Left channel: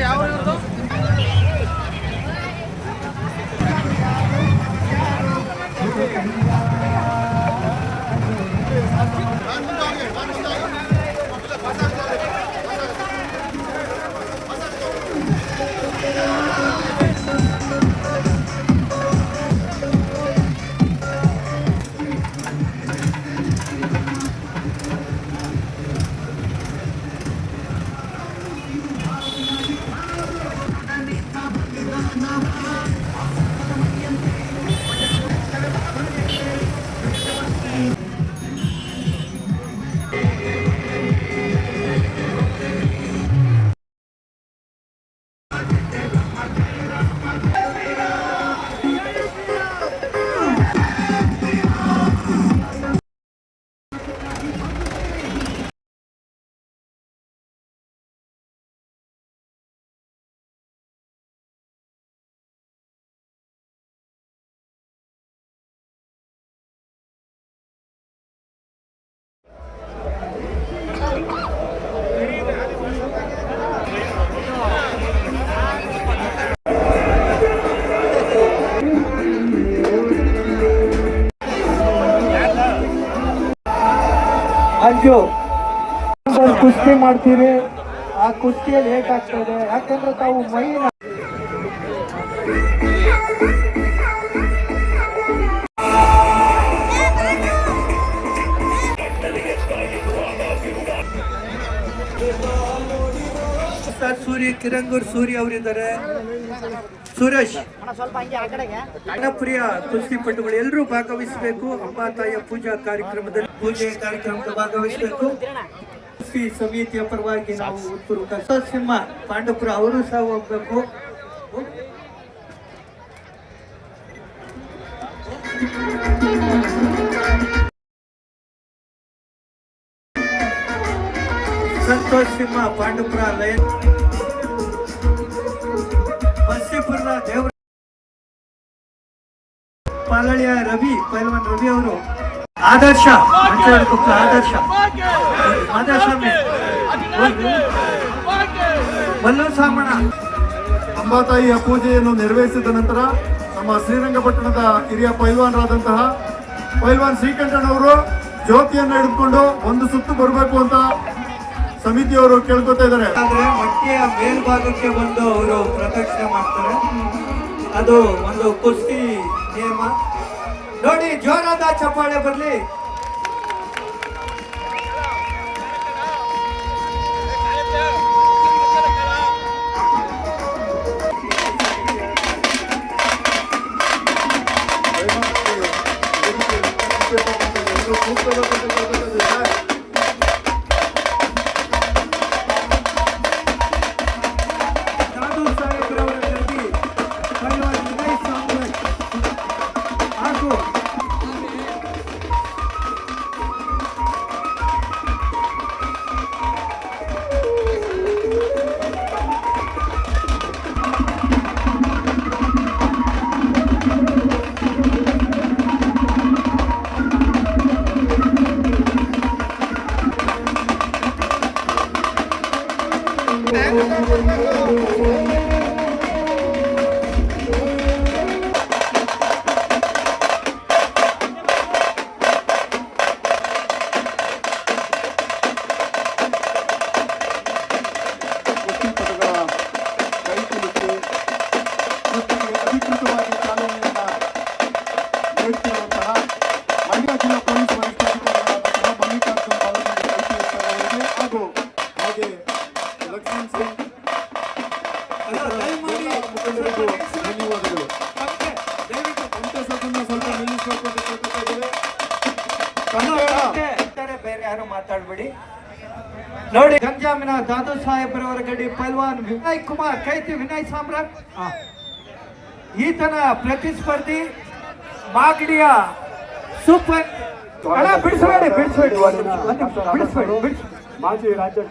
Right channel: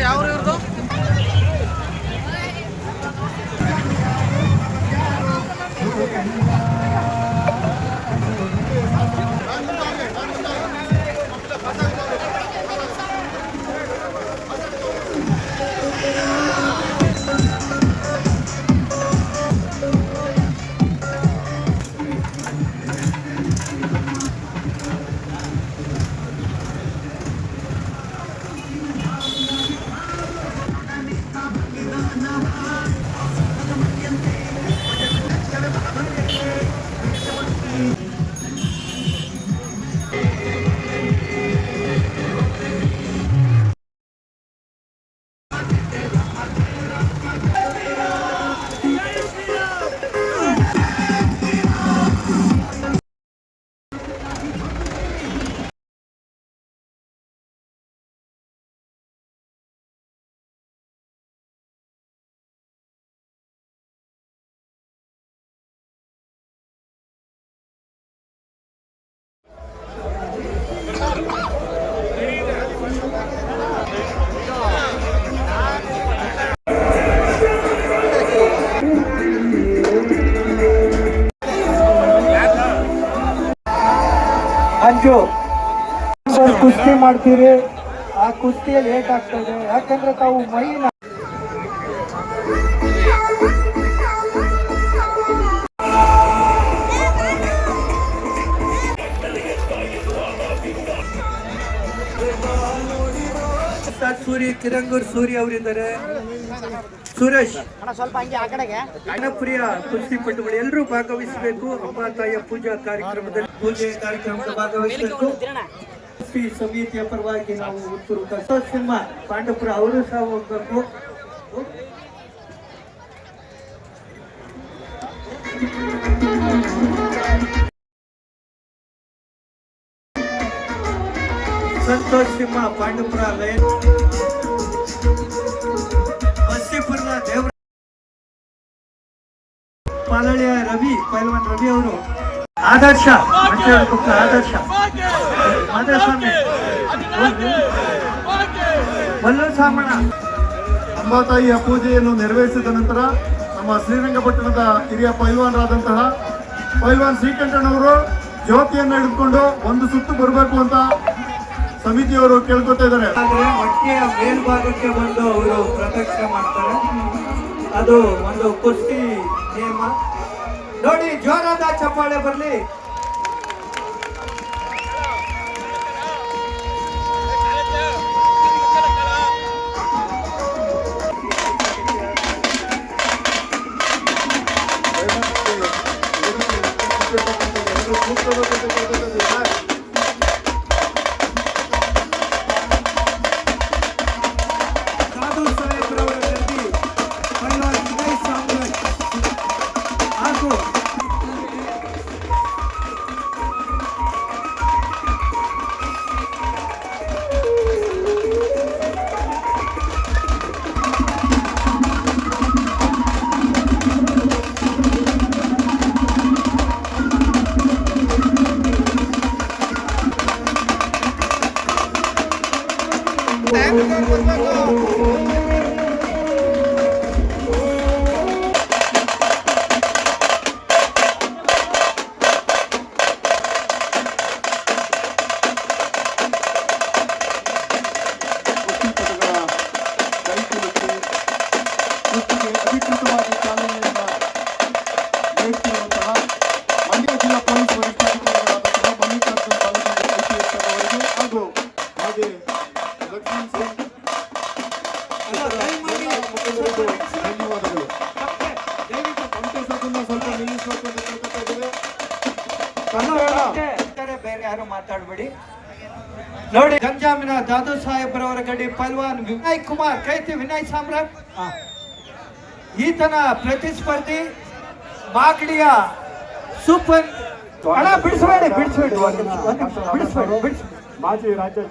ಯಾವ ಅಂಜು ಕುಸ್ತಿ ಮಾಡ್ತೀರಿ, ಆ ಕುಸ್ತಿಯಲ್ಲಿ ಲೇಟ್ ಆಗ್ತದೆ. ಯಾಕಂದ್ರೆ ತಾವು ಮೈನ ಸೂರಿ ಕಿರಂಗೂರ್ ಸೂರಿ ಅವರಿದ್ದಾರೆ, ಸುರೇಶ್ ಪ್ರಿಯ ಕುಸ್ತಿಪಟುಗಳು ಎಲ್ಲರೂ ಭಾಗವಹಿಸಬೇಕು. ಅಮ್ಮ ತಾಯಿಯ ಪೂಜಾ ಕಾರ್ಯಕ್ರಮದಲ್ಲಿ ಪೂಜೆ ಕಾರ್ಯಕ್ರಮದಲ್ಲಿ ಭಾಗವಹಿಸಬೇಕು. ಕುಸ್ತಿ ಸಮಿತಿಯ ಪರವಾಗಿ ನಾವು ಉತ್ತೂರು ಸಿಂಹ ಪಾಂಡವಪುರ ಅವರು ಸಹ ಹೋಗ್ಬೇಕು. ಸಂತೋಷ್ ಸಿಂಹ ಪಾಂಡವಪುರ ಬಸ್ತಿಪುರದ ದೇವರ ಪಾಲಳಿಯ ರವಿ ಪೈಲ್ವಾನ್ ರವಿ ಅವರು ಆದರ್ಶ ಮಲ್ಲಸಾಮಣ ಅಂಬಾತಾಯಿಯ ಪೂಜೆಯನ್ನು ನೆರವೇರಿಸಿದ ನಂತರ ನಮ್ಮ ಶ್ರೀರಂಗಪಟ್ಟಣದ ಹಿರಿಯ ಪೈಲ್ವಾನರಾದಂತಹ ಪೈಲ್ವಾನ್ ಶ್ರೀಕಂಠಣ್ಣವರು ಜ್ಯೋತಿಯನ್ನು ಹಿಡಿದುಕೊಂಡು ಒಂದು ಸುತ್ತು ಬರಬೇಕು ಅಂತ ಸಮಿತಿಯವರು ಕೇಳ್ಕೊತಾ ಇದ್ದಾರೆ. ಮಟ್ಟಿಯ ಮೇಲ್ಭಾಗಕ್ಕೆ ಬಂದು ಅವರು ಪ್ರದಕ್ಷಿಣೆ ಮಾಡ್ತಾರೆ. ಅದು ಒಂದು ಕುಸ್ತಿ ನಿಯಮ ನೋಡಿ. ಜೋರಾದ ಚಪ್ಪಾಳೆ ಬರಲಿ. ಅಧಿಕೃತವಾಗಿ ಚಾಲನೆಯನ್ನು ನೀಡುತ್ತಿರುವಂತಹ ಮಂಡ್ಯ ಜಿಲ್ಲಾ ಪೊಲೀಸ್ ವರಿಷ್ಠಾಧಿಕಾರಿಗಳಾದಂತಹ ಮಲ್ಲಿಕಾರ್ಜುನ ಬಾಲಮಂಡಿ IPS ಅವರಿಗೆ ಹಾಗೂ ಹಾಗೆ ಲಕ್ಷ್ಮಣ್ ಸಿಂಗ್ ಧನ್ಯವಾದಗಳು. ಬೇರೆ ಯಾರು ಮಾತಾಡ್ಬೇಡಿ. ನೋಡಿ, ಗಂಜಾಮಿನ ದಾದು ಸಾಹೇಬ್ರವರ ಗಡಿ ಪೈಲ್ವಾನ್ ವಿನಯ್ ಕುಮಾರ್ ಕೈತಿ ವಿನಯ್ ಸಾಮ್ರಾಟ್ ಈತನ ಪ್ರತಿಸ್ಪರ್ಧಿ ಮಾಗಡಿಯ ಸೂಪರ್ ಮಾಜಿ ರಾಜ್ಯ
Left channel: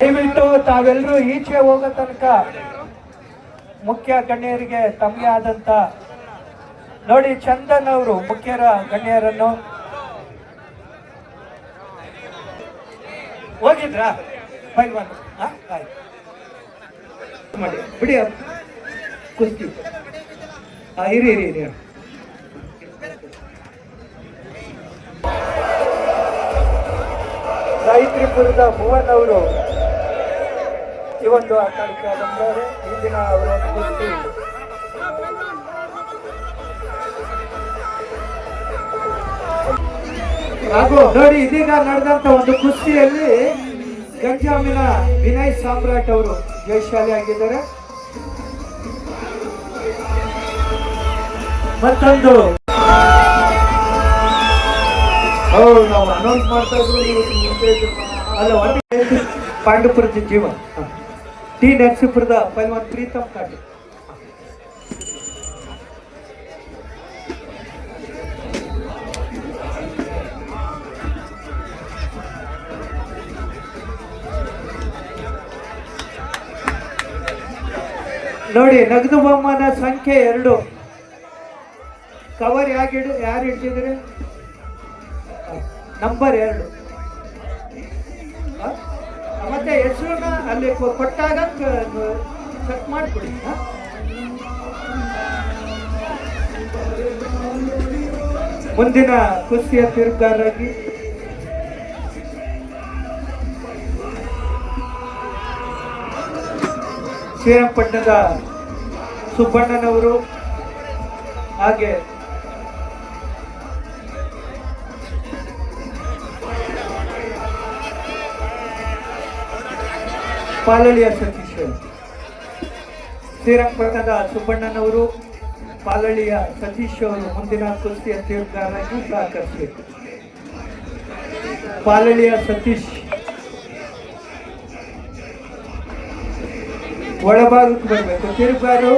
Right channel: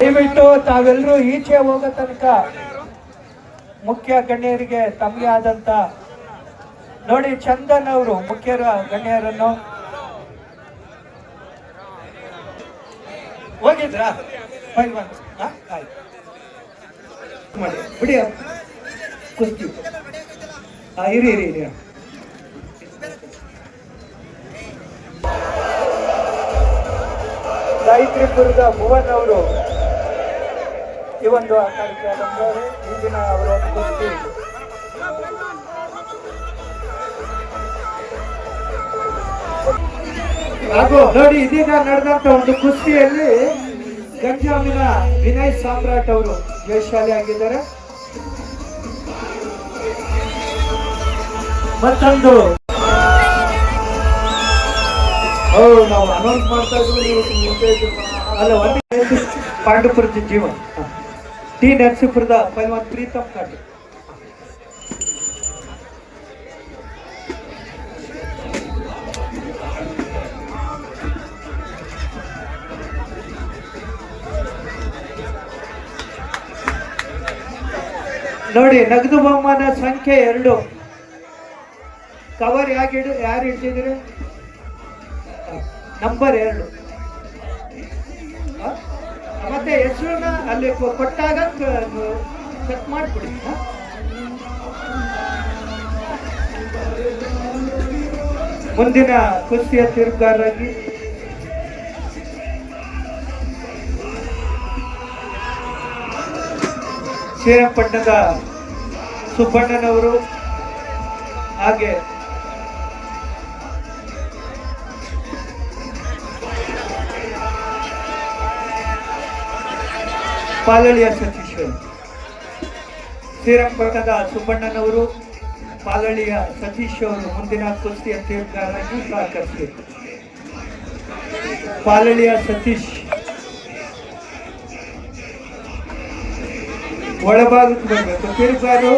ದಯವಿಟ್ಟು ತಾವೆಲ್ಲರೂ ಈಚೆ ಹೋಗೋ ತನಕ ಮುಖ್ಯ ಗಣ್ಯರಿಗೆ ತಮಗೆ ಆದಂತ ನೋಡಿ ಚಂದನ್ ಅವರು ಮುಖ್ಯರ ಗಣ್ಯರನ್ನು ಹೋಗಿದ್ರಾ ಪೈಲ್ವಾನ್ ಬಿಡಿ ಕುಸ್ತಿ ಇರಿ ಇರಿ ಇರಿ ಗಾಯತ್ರಿಪುರದ ಭುವನ್ ಅವರು ಈ ಒಂದು ಆಟಕ್ಕೆ ಬಂದವರು ಈ ದಿನ ಅವರ ಕುಸ್ತಿ ಹಾಗೂ ನೋಡಿ ಇದೀಗ ನಡೆದಂತ ಒಂದು ಕುಸ್ತಿಯಲ್ಲಿ ಗಂಜಾಮಿನ ವಿನಯ್ ಸಾಮ್ರಾಟ್ ಅವರು ಜಯಶಾಲಿ ಆಗಿದ್ದಾರೆ. ಮತ್ತೊಂದು ಹೌದು, ನಾವು ಅನೌನ್ಸ್ ಮಾಡ್ತಾ ಇದ್ವಿ, ನೀವು ಮುಂದೆ ಇದ್ರು. ಅಲ್ಲ ಒಂದು ಪಾಂಡುಪುರದ ಜೀವ ಟಿ ನರಸೀಪುರದ ಪೈಲ್ವಾನ್ ಪ್ರೀತಮ್ ಕಾಟೆ. ನೋಡಿ ನಗದು ಬಹುಮಾನ ಸಂಖ್ಯೆ 2 ಕವರ್ ಯಾರು ಇಟ್ಟಿದ್ರೆ ನಂಬರ್ 2 ಮತ್ತೆ ಹೆಸರನ್ನ ಅಲ್ಲಿ ಕೊಟ್ಟಾಗ ಚೆಕ್ ಮಾಡಿಬಿಡಿ. ಮುಂದಿನ ಕುಸ್ತಿಯ ತೀರ್ಪುಗಾರರಾಗಿ ಶ್ರೀರಂಗಪಟ್ಟಣದ ಸುಬ್ಬಣ್ಣನವರು ಹಾಗೆ ಪಾಲಳಿಯ ಸತೀಶ್. ಶ್ರೀರಂಗಪಟ್ಟಣದ ಸುಬ್ಬಣ್ಣನವರು ಪಾಲಳಿಯ ಸತೀಶ್ ಅವರು ಮುಂದಿನ ಕುಸ್ತಿಯ ತೀರ್ಪುಗಾರರಾಗಿ ಸಹಕರಿಸಬೇಕು. ಪಾಲಳಿಯ ಸತೀಶ್ ಒಳಭಾಗಕ್ಕೆ ಬರಬೇಕು. ತೀರ್ಪುಗಾರರು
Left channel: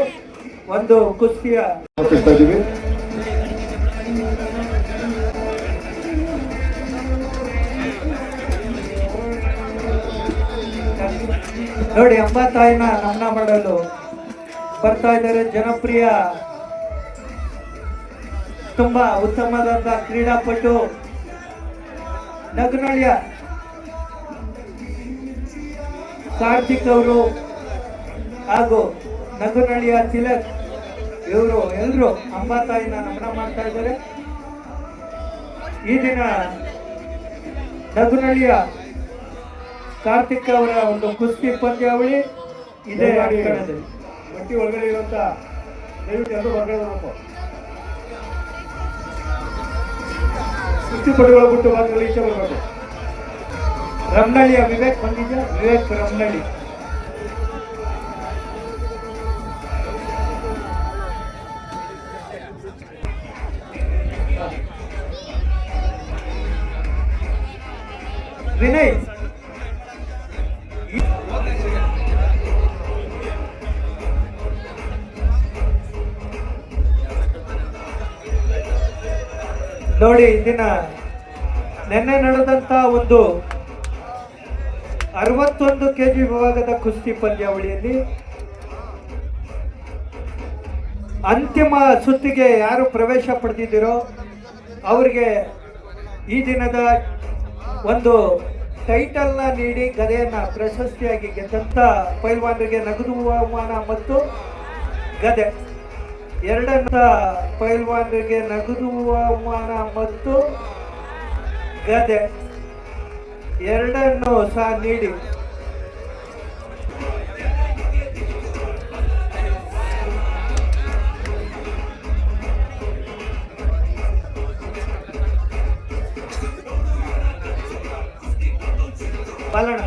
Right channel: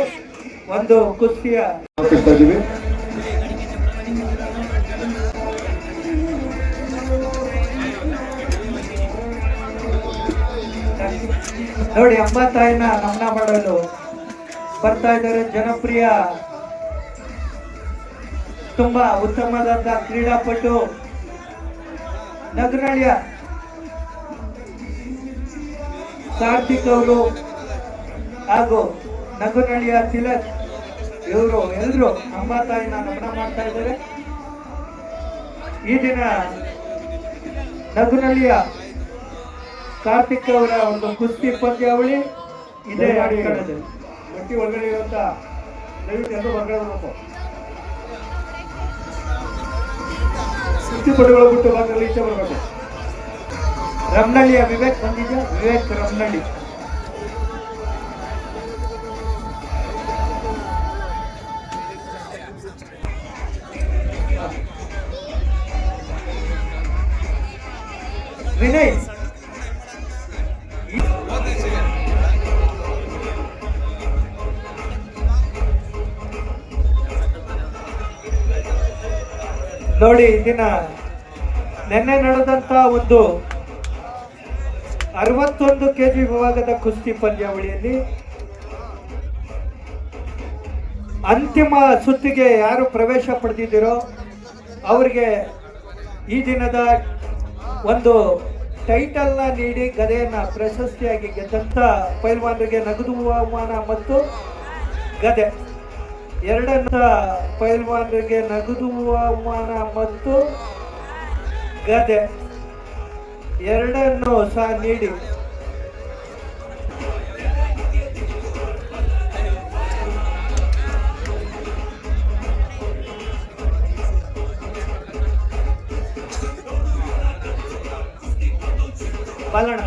ಒಂದು ಕುಸ್ತಿಯ ಅರ್ಪಿಸ್ತಾ ಇದ್ದೀವಿ. ನೋಡಿ ಅಂಬಾತಾಯಿನ ನಮನ ಮಾಡಲು ಬರ್ತಾ ಇದ್ದಾರೆ ಜನಪ್ರಿಯ ತುಂಬಾ ಉತ್ತಮವಾದ ಕ್ರೀಡಾಪಟು ನಗನಳ್ಳಿಯ ಕಾರ್ತಿಕ್ ಅವರು ಹಾಗೂ ನಗನಳ್ಳಿಯ ತಿಲಕ್ ಇವರು ಎಲ್ಲರೂ ಅಂಬಾತಾಯಿನ ನಮನ ಮಾಡ್ತಾ ಇದ್ದಾರೆ. ಈ ದಿನ ನಗನಳ್ಳಿಯ ಕಾರ್ತಿಕ್ ಅವರ ಒಂದು ಕುಸ್ತಿ ಪಂದ್ಯಾವಳಿ ಇದೇ ಅಂಕಣದಲ್ಲಿ. ಮಟ್ಟಿ ಒಳಗಡೆ ಇರುವಂತ ದಯವಿಟ್ಟು ಎಲ್ಲರೂ ಹೊರಗಡೆ ಬರಬೇಕು. ಕುಸ್ತಿಪಟುಗಳು ಬಿಟ್ಟು ಭಾಗದಲ್ಲಿ ಇಷ್ಟ ಬರಬೇಕು. ರಮ್ನಳ್ಳಿಯ ವಿವೇಕ್ ಬಂದಿದೆ. ವಿವೇಕ್ ರಮ್ನಳ್ಳಿ. ವಿನಯ್ ನೋಡಿ ದಿನ ನಿನ್ನೆ ನಡೆದಂತ ಒಂದು 61 kg ವಿಭಾಗದ ಕುಸ್ತಿ ಪಂದ್ಯಾವಳಿಯಲ್ಲಿ ಅಂತಿಮ ಸುತ್ತಿಗೆ ಯಾರು ಪ್ರವೇಶ ಪಡೆದಿದ್ದೀರೋ ಅವರಿಗೆ ಈ ದಿನದ ಒಂದು ಟೈಟಲ್ನ ನೀಡಿ ಗದೆಯನ್ನ ಪ್ರಶಸ್ತಿಯಾಗಿ ಗೆದ್ದಂತ ಪೈಲ್ವಾನರಿಗೆ ನಗದು ಬಹುಮಾನ ಮತ್ತು ಗದೆ. ಎರಡನ್ನ ಪೈಲ್ವಾನರಿಗೆ ನಗದು ಬಹುಮಾನ ಮತ್ತು ಗದೆ ಎರಡನ್ನು ಸಹ ನೀಡಿ ಪಾಲಣ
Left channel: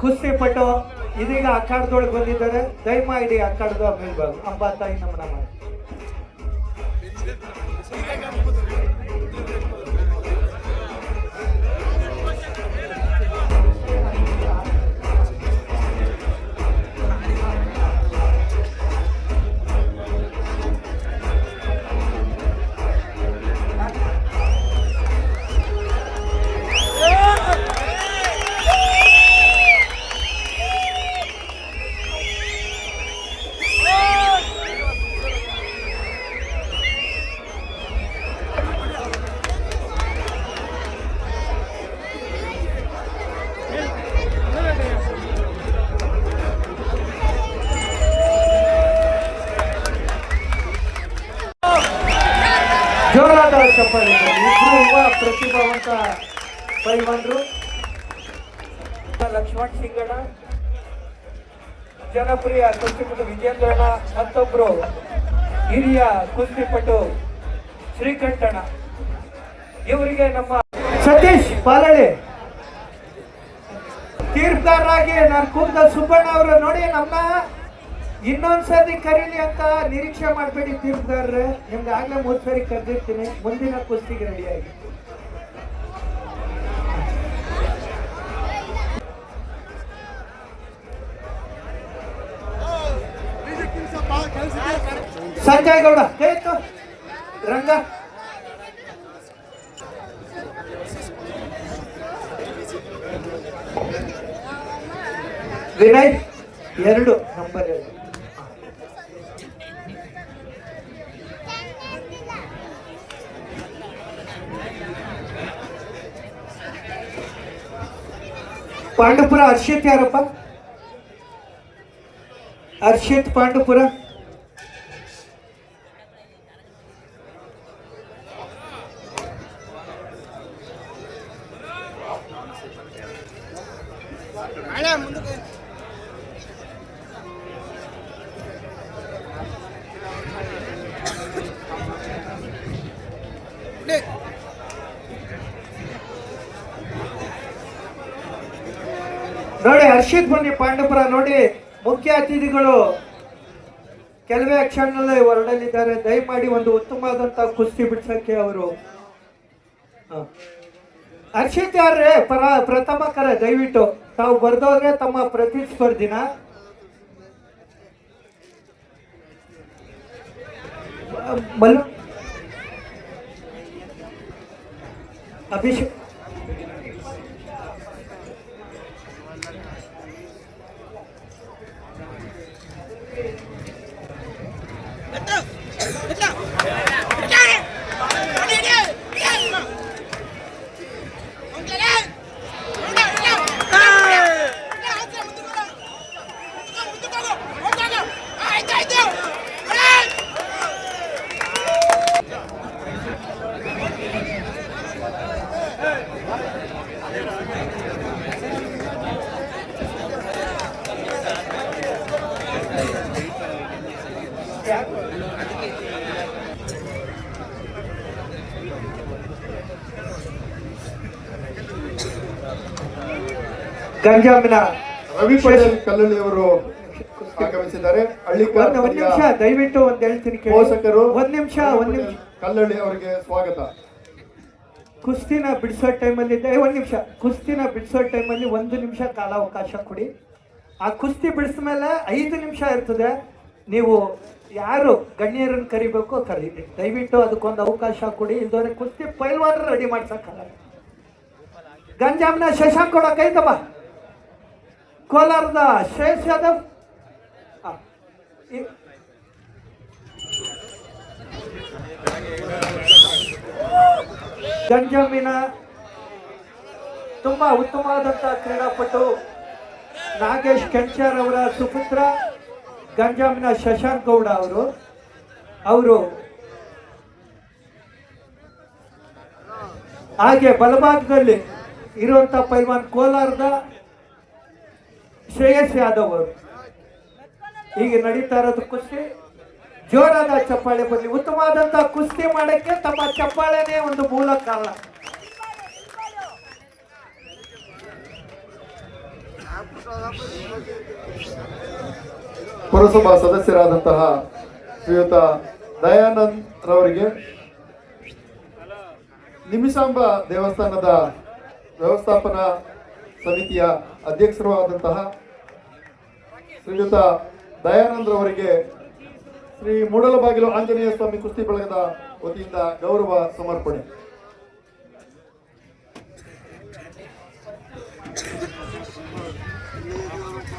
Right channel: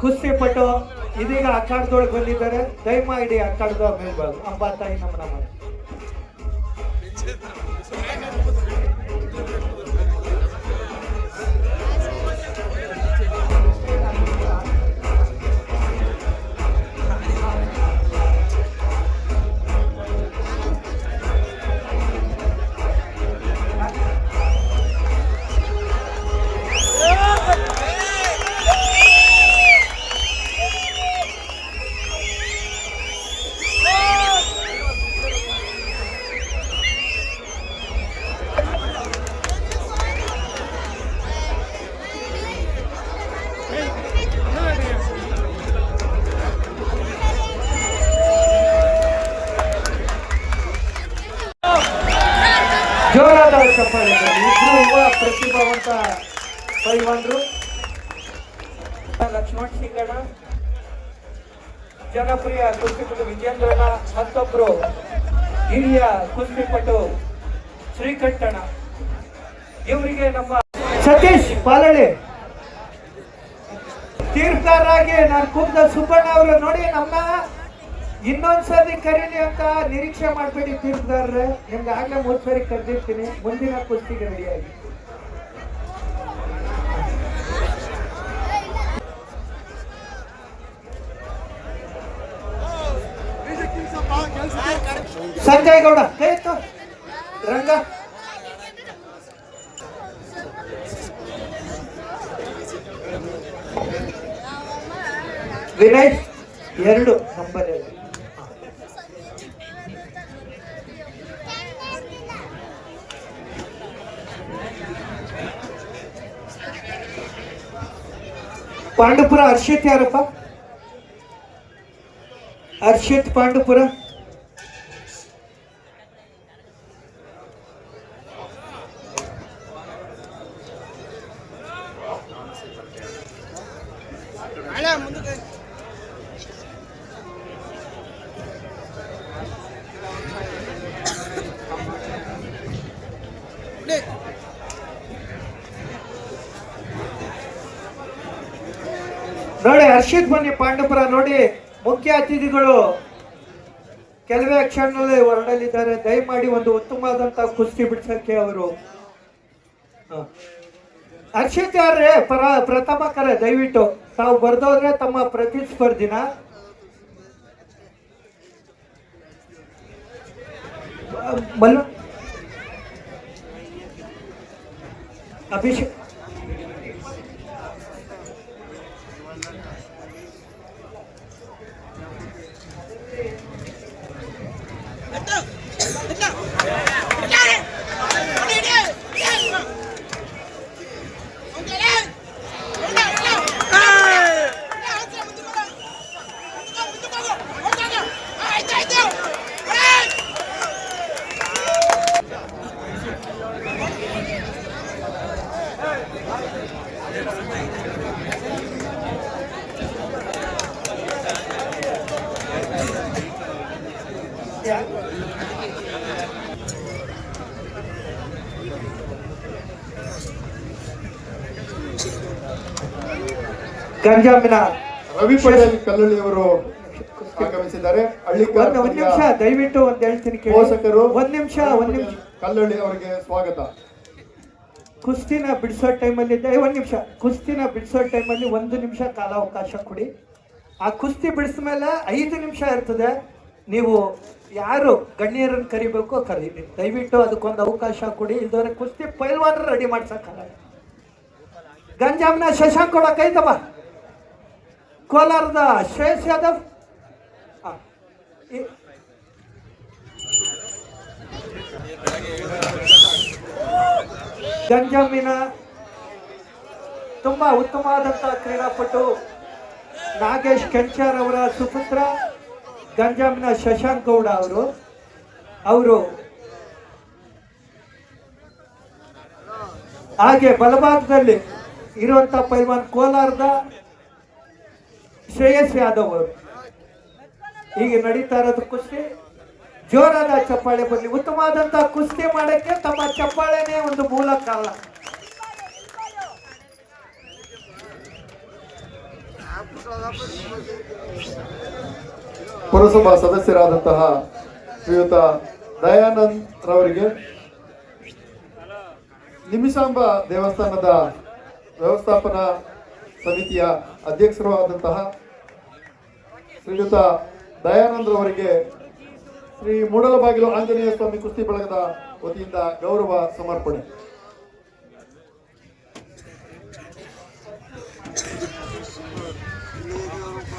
ಕುಸ್ತಿಪಟು ಇದೀಗ ಅಖಾಡದೊಳಗೆ ಬಂದಿದ್ದಾರೆ. ದಯಮಾಡಿ ಅಖಾಡದ ಮೇಲ್ಭಾಗ ಅಂಬಾತಾಯಿ ನಮನ ಮಾಡಿ. ಜೋರಾದ ಚಪ್ಪಾಳೆ. ಇಬ್ರು ಯುವ ಪ್ರತಿಭಾವಂತ ಪೈಲ್ವಾನರು. ಲಕ್ಷ್ಮಣ್ ಸಿಂಗಣ್ಣ, ಜನಪ್ರಿಯ ಕುಸ್ತಿಪಟು ವಿಜೇಂದ್ರಣ್ಣ, ಮತ್ತೊಬ್ರು ಹಿರಿಯ ಕುಸ್ತಿಪಟು ಶ್ರೀಕಂಠಣ್ಣ. ಇವರಿಗೆ ನಮ್ಮ ಸತೀಶ್ ಪಾಲಳ್ಳಿ ತೀರ್ಪಗಾರರಾಗಿ ನಾನು ಕೂತ ಸುಬ್ಬಣ್ಣ ಅವರು ನೋಡಿ ನಮ್ಮ ಇನ್ನೊಂದ್ಸರಿ ಕರೀಲಿ ಅಂತ ನಿರೀಕ್ಷೆ ಮಾಡಬೇಡಿ ತೀರ್ಪುಗಾರರೇ. ನಿಮ್ಗೆ ಆಗ್ಲೇ 3 ಸರಿ ಕರೆದಿರ್ತೀನಿ. ಮುಂದಿನ ಕುಸ್ತಿಗೆ ರೆಡಿಯಾಗಿ. ಸಂಜಯ್ ಗೌಡ ಕೈ ಎತ್ತು. ರಂಗ ವಿನಯ್ 2 ನಂಬರ್ 2. ಪಾಂಡುಪುರ ಹರ್ಷಿತ್ ಯಾರಪ್ಪ? ಹರ್ಷಿತ್ ಪಾಂಡುಪುರ. ನೋಡಿ ಹರ್ಷಿತ್ ಬನ್ನಿ ಪಾಂಡುಪುರ. ನೋಡಿ ಮುಖ್ಯ ಅತಿಥಿಗಳು ಕೆಲವೇ ಕ್ಷಣದಲ್ಲಿ ಹೊರಡಲಿದ್ದಾರೆ. ದಯಮಾಡಿ ಒಂದು ಉತ್ತಮವಾದಂತಹ ಕುಸ್ತಿ ಬಿಡ್ಸಕ್ಕೆ ಅವರು. ಹರ್ಷಿತ್ ಯಾರ್ರೆ ಪ್ರಥಮ ಕರೆ ದಯವಿಟ್ಟು ತಾವು ಬರ್ದೋದ್ರೆ ತಮ್ಮ ಪ್ರತಿಸ್ಪರ್ಧಿನ. ಮಲ್ಲು ಅಭಿಷೇಕ್ ಗಂಜಾಮಿನ ರವಿ ಪಟೇಲ್ ಕಲ್ಲಳ್ಳಿ ಅವರು ಆಗಮಿಸಿದ್ದಾರೆ. ಒಂದ್ ನಿಮಿಷ ದಯವಿಟ್ಟು ಒಂದ್ ಹೇಳ್ತೀನಿ ಪೋಷಕರು ಒಂದ್ ನಿಮಿಷ ಕಲ್ಲಳ್ಳಿ ಅವರಿಗೆ ಸ್ವಾಗತ. ಕುಸ್ತಿನ ಬಿಡಿಸೋ ಟೈಮಲ್ಲಿ ಒಂದ್ ನಿಮಿಷ ಕುಸ್ತಿನ ಬಿಡಿಸೋ ಟೈಮಲ್ಲಿ 1 ನಿಮಿಷ ಕಾಲಾವಕಾಶ ಕೊಡಿ. ಆ ಕುಸ್ತಿ ಬಿಡಿಸ್ಮೇಲೆ 5 ನಿಮಿಷ ಇರ್ತದೆ. ನೀವು ಯಾರು ಗಣ್ಯರನ್ನು ಕರಿಬೇಕು ಕರೀರಿ. ದಯವಿಟ್ಟು ಅದಕ್ಕೊಂದು ಅವಕಾಶ ಕೊಡಿ. ಇಲ್ದವ್ರೆ ಕುಸ್ತಿ ಪೈಲ್ವಾನರು ರೆಡಿ ಮಾಡ್ಸಕ್ಕಾಗಲ್ಲ. ಗಂಜಾಮಿನ ಶಶಾಂಕ್ ಕೊಡ ಕೈತಮ್ಮ. ಕೋಲಾರದ ಶ್ರೇಯಸ್ ಯಾದವ್. ಗಂಜಾಮಿನ ತುಂಬಾ ಉತ್ತಮವಾದಂತಹ ಕ್ರೀಡಾಪಟು ನಾಗೇಶ್ ಕೆಂಚಾರ್ ಅವರ ಸುಪುತ್ರ ಗಂಜಾಮಿನ ಶಶಾಂಕ್ ಗೌಡ ಅವರು ಹಾಗೆ ಬಲಭಾಗದಲ್ಲಿ ಇರುವಂತ ಪೈಲ್ವಾನ್ ಕೋಲಾರದ ಶ್ರೇಯಸ್ ಯಾದವ್ ಅವರು. ಹೀಗೆ ನಡೀತಾ ಇರೋದು ಕುಸ್ತಿ. ಜೋರಾದ ಚಪ್ಪಾಳೆ ಬರಲಿ. ಉತ್ತಮವಾದಂತಹ ಕುಸ್ತಿ ಮಾಡಕ್ಕೆ ತಮ್ಮ ಚಪ್ಪಾಳೆನೇ ಒಂದು ಮೂಲ ಕಾರಣ. ಪುರಸಭಾ ಸದಸ್ಯರಾದಂತಹ ಶ್ರೀಯುತ ದಯಾನಂದ್ ರವರಿಗೆ, ನಿಮಿಷಾಂಬ ದೇವಸ್ಥಾನದ ವ್ಯವಸ್ಥಾಪನಾ ಸಮಿತಿಯ ಅಧ್ಯಕ್ಷರು ಆದಂತಹ ಶ್ರೀಯುತ ದಯಾನಂದ್ ರವರಿಗೆ ಶ್ರೀ ಮೂಡಲಬಾಗಿಲು ಆಂಜನೇಯ ಸ್ವಾಮಿ ಕುಸ್ತಿ ಬಳಗದ ವತಿಯಿಂದ ಗೌರವ ಸಮರ್ಪಣೆ.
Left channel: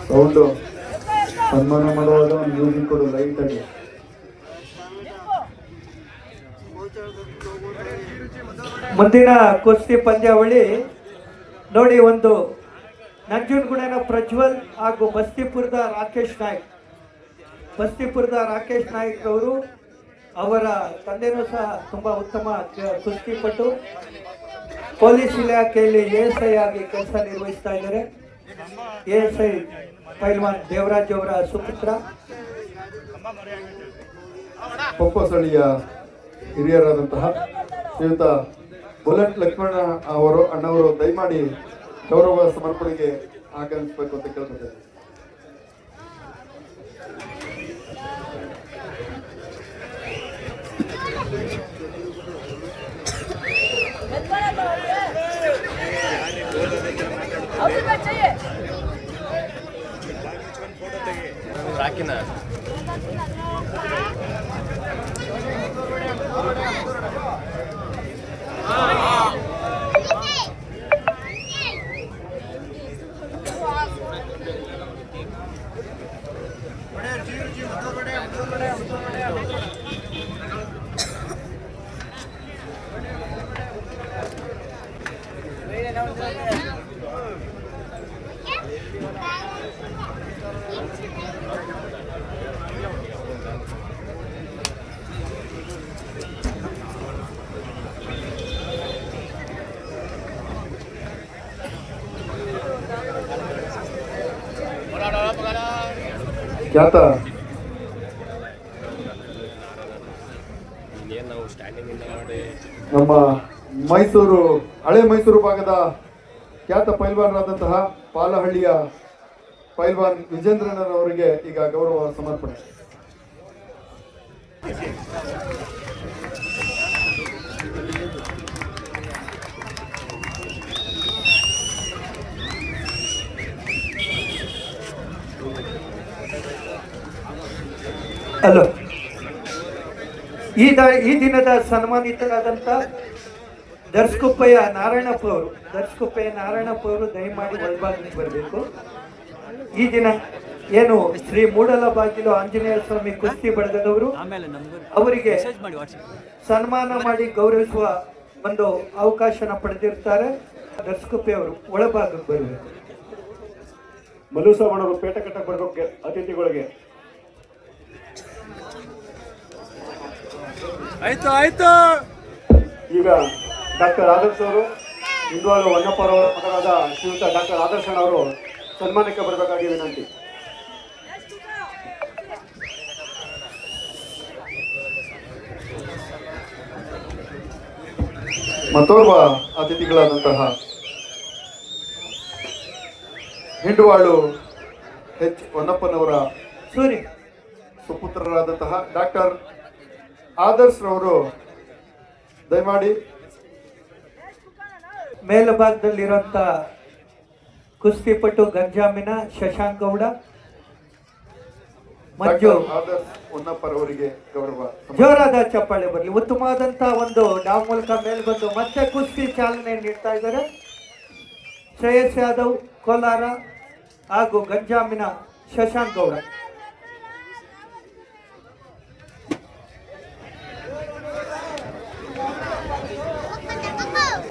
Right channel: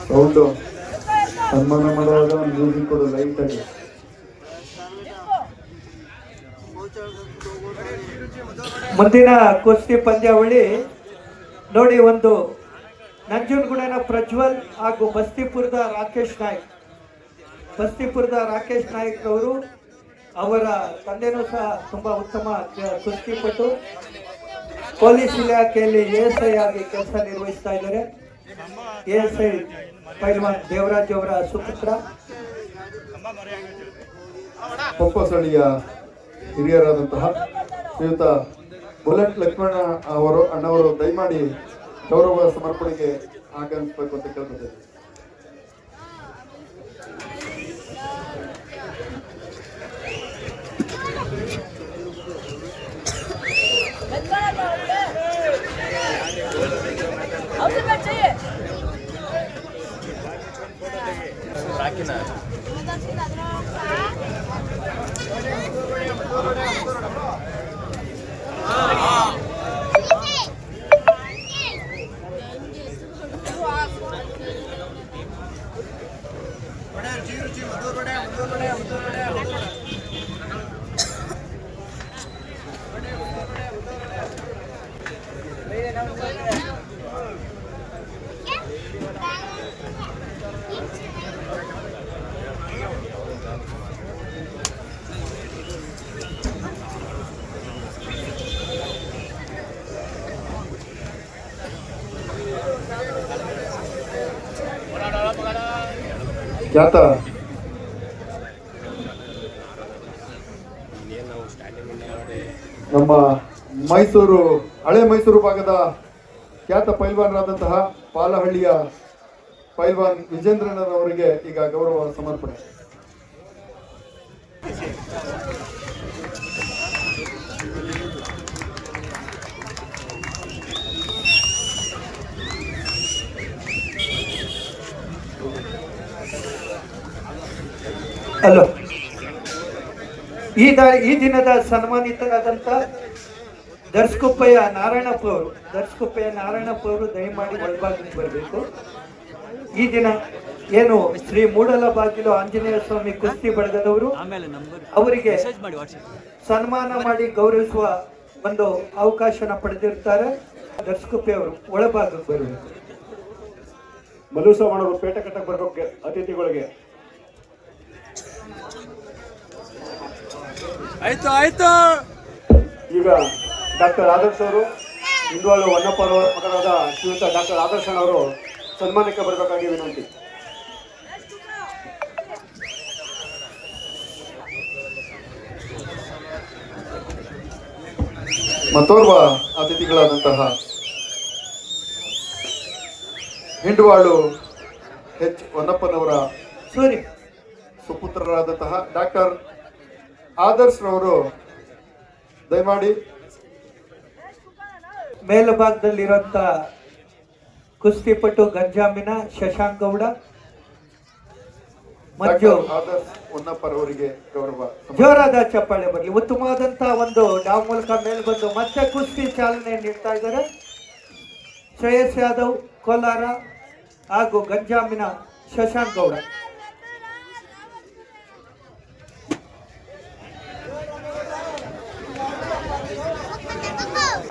ಸೌಂಡು ಸನ್ಮಾನ ಮಾಡುವಾಗ ಒಂದು ಮ್ಯೂಸಿಕ್ ಕೊಡು ಲೈಟ್ ಆಗಿ. ಮುಂದಿನ ಕುಸ್ತಿ ಪಂದ್ಯಾವಳಿ ನೋಡಿ, ಒಂದು ನಂಜನಗೂಡಿನ ಪ್ರಜ್ವಲ್ ಹಾಗೂ ಬಸ್ತಿಪುರದ ರಾಕೇಶ್ ನಾಯ್ಕ್ ಅವರು, ಅವರ ತಂದೆನೂ ಸಹ ತುಂಬಾ ಉತ್ತಮ ಕುಸ್ತಿಪಟು, ಪೊಲೀಸ್ ಇಲಾಖೆಯಲ್ಲಿ ASI ಆಗಿ ಕೆಲಸ ನಿರ್ವಹಿಸ್ತಾ ಇದ್ದಾರೆ. ASI ಪೈಲ್ವಾನ್ ದೇವರಾಜ್ ಅವರ ಸುಪುತ್ರ. ಪೊಪ್ಪಸಳಿಯ ಹಿರಿಯರಾದಂತಹ ಶ್ರೀಯುತ ಬುಲೆಟ್ ಲಕ್ಷ್ಮಣ ಅಣ್ಣವರು ದಯಮಾಡಿ ಗೌರವ ಸಮರ್ಪಣೆಗೆ ಆಗಮಿಸಬೇಕು ಅಂತ ಕೇಳ್ಕೊತೇನೆ. ಖ್ಯಾತ ನಮ್ಮ ಮೈಸೂರು, ಹಳೆ ಮೈಸೂರು ಭಾಗದ ಖ್ಯಾತ ಪೈಲ್ವಾನರಾದಂತಹ ಪಾಲಹಳ್ಳಿಯ ಪೈಲ್ವಾನ್ ವಿಜೇಂದ್ರನವರಿಗೆ ಈಗ ಗೌರವ ಸಮರ್ಪಣೆ. ಅಲೋ, ಈ ದಿನದ ಸನ್ಮಾನಿತರಾದಂಥ ದರ್ಶಕುಪ್ಪಯ್ಯ ನಾರಾಯಣಪ್ಪ ಅವರು ದಯಮಾಡಿ ಒಳಭಾಗಕ್ಕೆ ಬರಬೇಕು. ಈ ದಿನ ಏನು ಶ್ರೀ ಮೂಡಲಬಾಗಿಲು ಆಂಜನೇಯ ಸ್ವಾಮಿ ಕುಸ್ತಿ ಬಳಗದವರು ಅವರಿಗೆ ಸನ್ಮಾನ ಮಾಡಿ ಗೌರವಿಸುವ ಒಂದು ಅವಕಾಶನ ಪಡೆದಿರ್ತಾರೆ. ದರ್ಶಕುಪ್ಪಯ್ಯ ಅವರು ಒಳಭಾಗಕ್ಕೆ ಬರಬೇಕು. ಮಧುಸವಣರು ಪೇಟ ಕಟ್ಟಕ್ಕೆ ಬರಬೇಕು ಅತಿಥಿಗಳಿಗೆ. ಆಯ್ತು. ಈಗ ಡಾಕ್ಟರ್ ಆದರ್ಶ್ ಅವರು, ಇಂದುವಾಳು ಹೊನ್ನಪ್ಪ ಅವರ ಮಗನಾದ ಶ್ರೀಯುತ ಡಾಕ್ಟರ್ ಆದರ್ಶನ್ ಅವರು ಸನ್ಮಾನಕ್ಕೆ ಬರಬೇಕಾಗಿ ವಿನಂತಿ. ಮತ್ತೋರ್ವ ಅತಿಥಿಗಳಾದಂತಹ ಹಿಂಡುವಾಳು H ಹೊನ್ನಪ್ಪನವರ ಸುಪುತ್ರರಾದಂತಹ ಡಾಕ್ಟರ್ ಆದರ್ಶ್ ರವರು ದಯಮಾಡಿ ಮೇಲ್ಭಾಗದಲ್ಲಿರುವಂತ ಕುಸ್ತಿಪಟು ಗಂಜಾಮಿನ ಶಶಾಂಕ್ ಗೌಡ ಮಂಜು ಆದರ್ಶ್ ಹೊನ್ನಪ್ಪರವರಿಗೆ ಗೌರವ. ಜೋರಾದ ಚಪ್ಪಾಳೆ ಬರಲಿ. ಉತ್ತಮವಾದಂತಹ ಒಂದು ಡಾವ್ ಮೂಲಕ ಮೇಲ್ ಬಂದು ಮತ್ತೆ ಕುಸ್ತಿ ಚಾಲನೆ ನೀಡ್ತಾ ಇದ್ದಾರೆ. ಶ್ರೇಯಸ್ ಯಾದವ್ ಕೋಲಾರ ಹಾಗೂ ಗಂಜಾಮಿನ ಶಶಾಂಕ್ ಗೌಡ.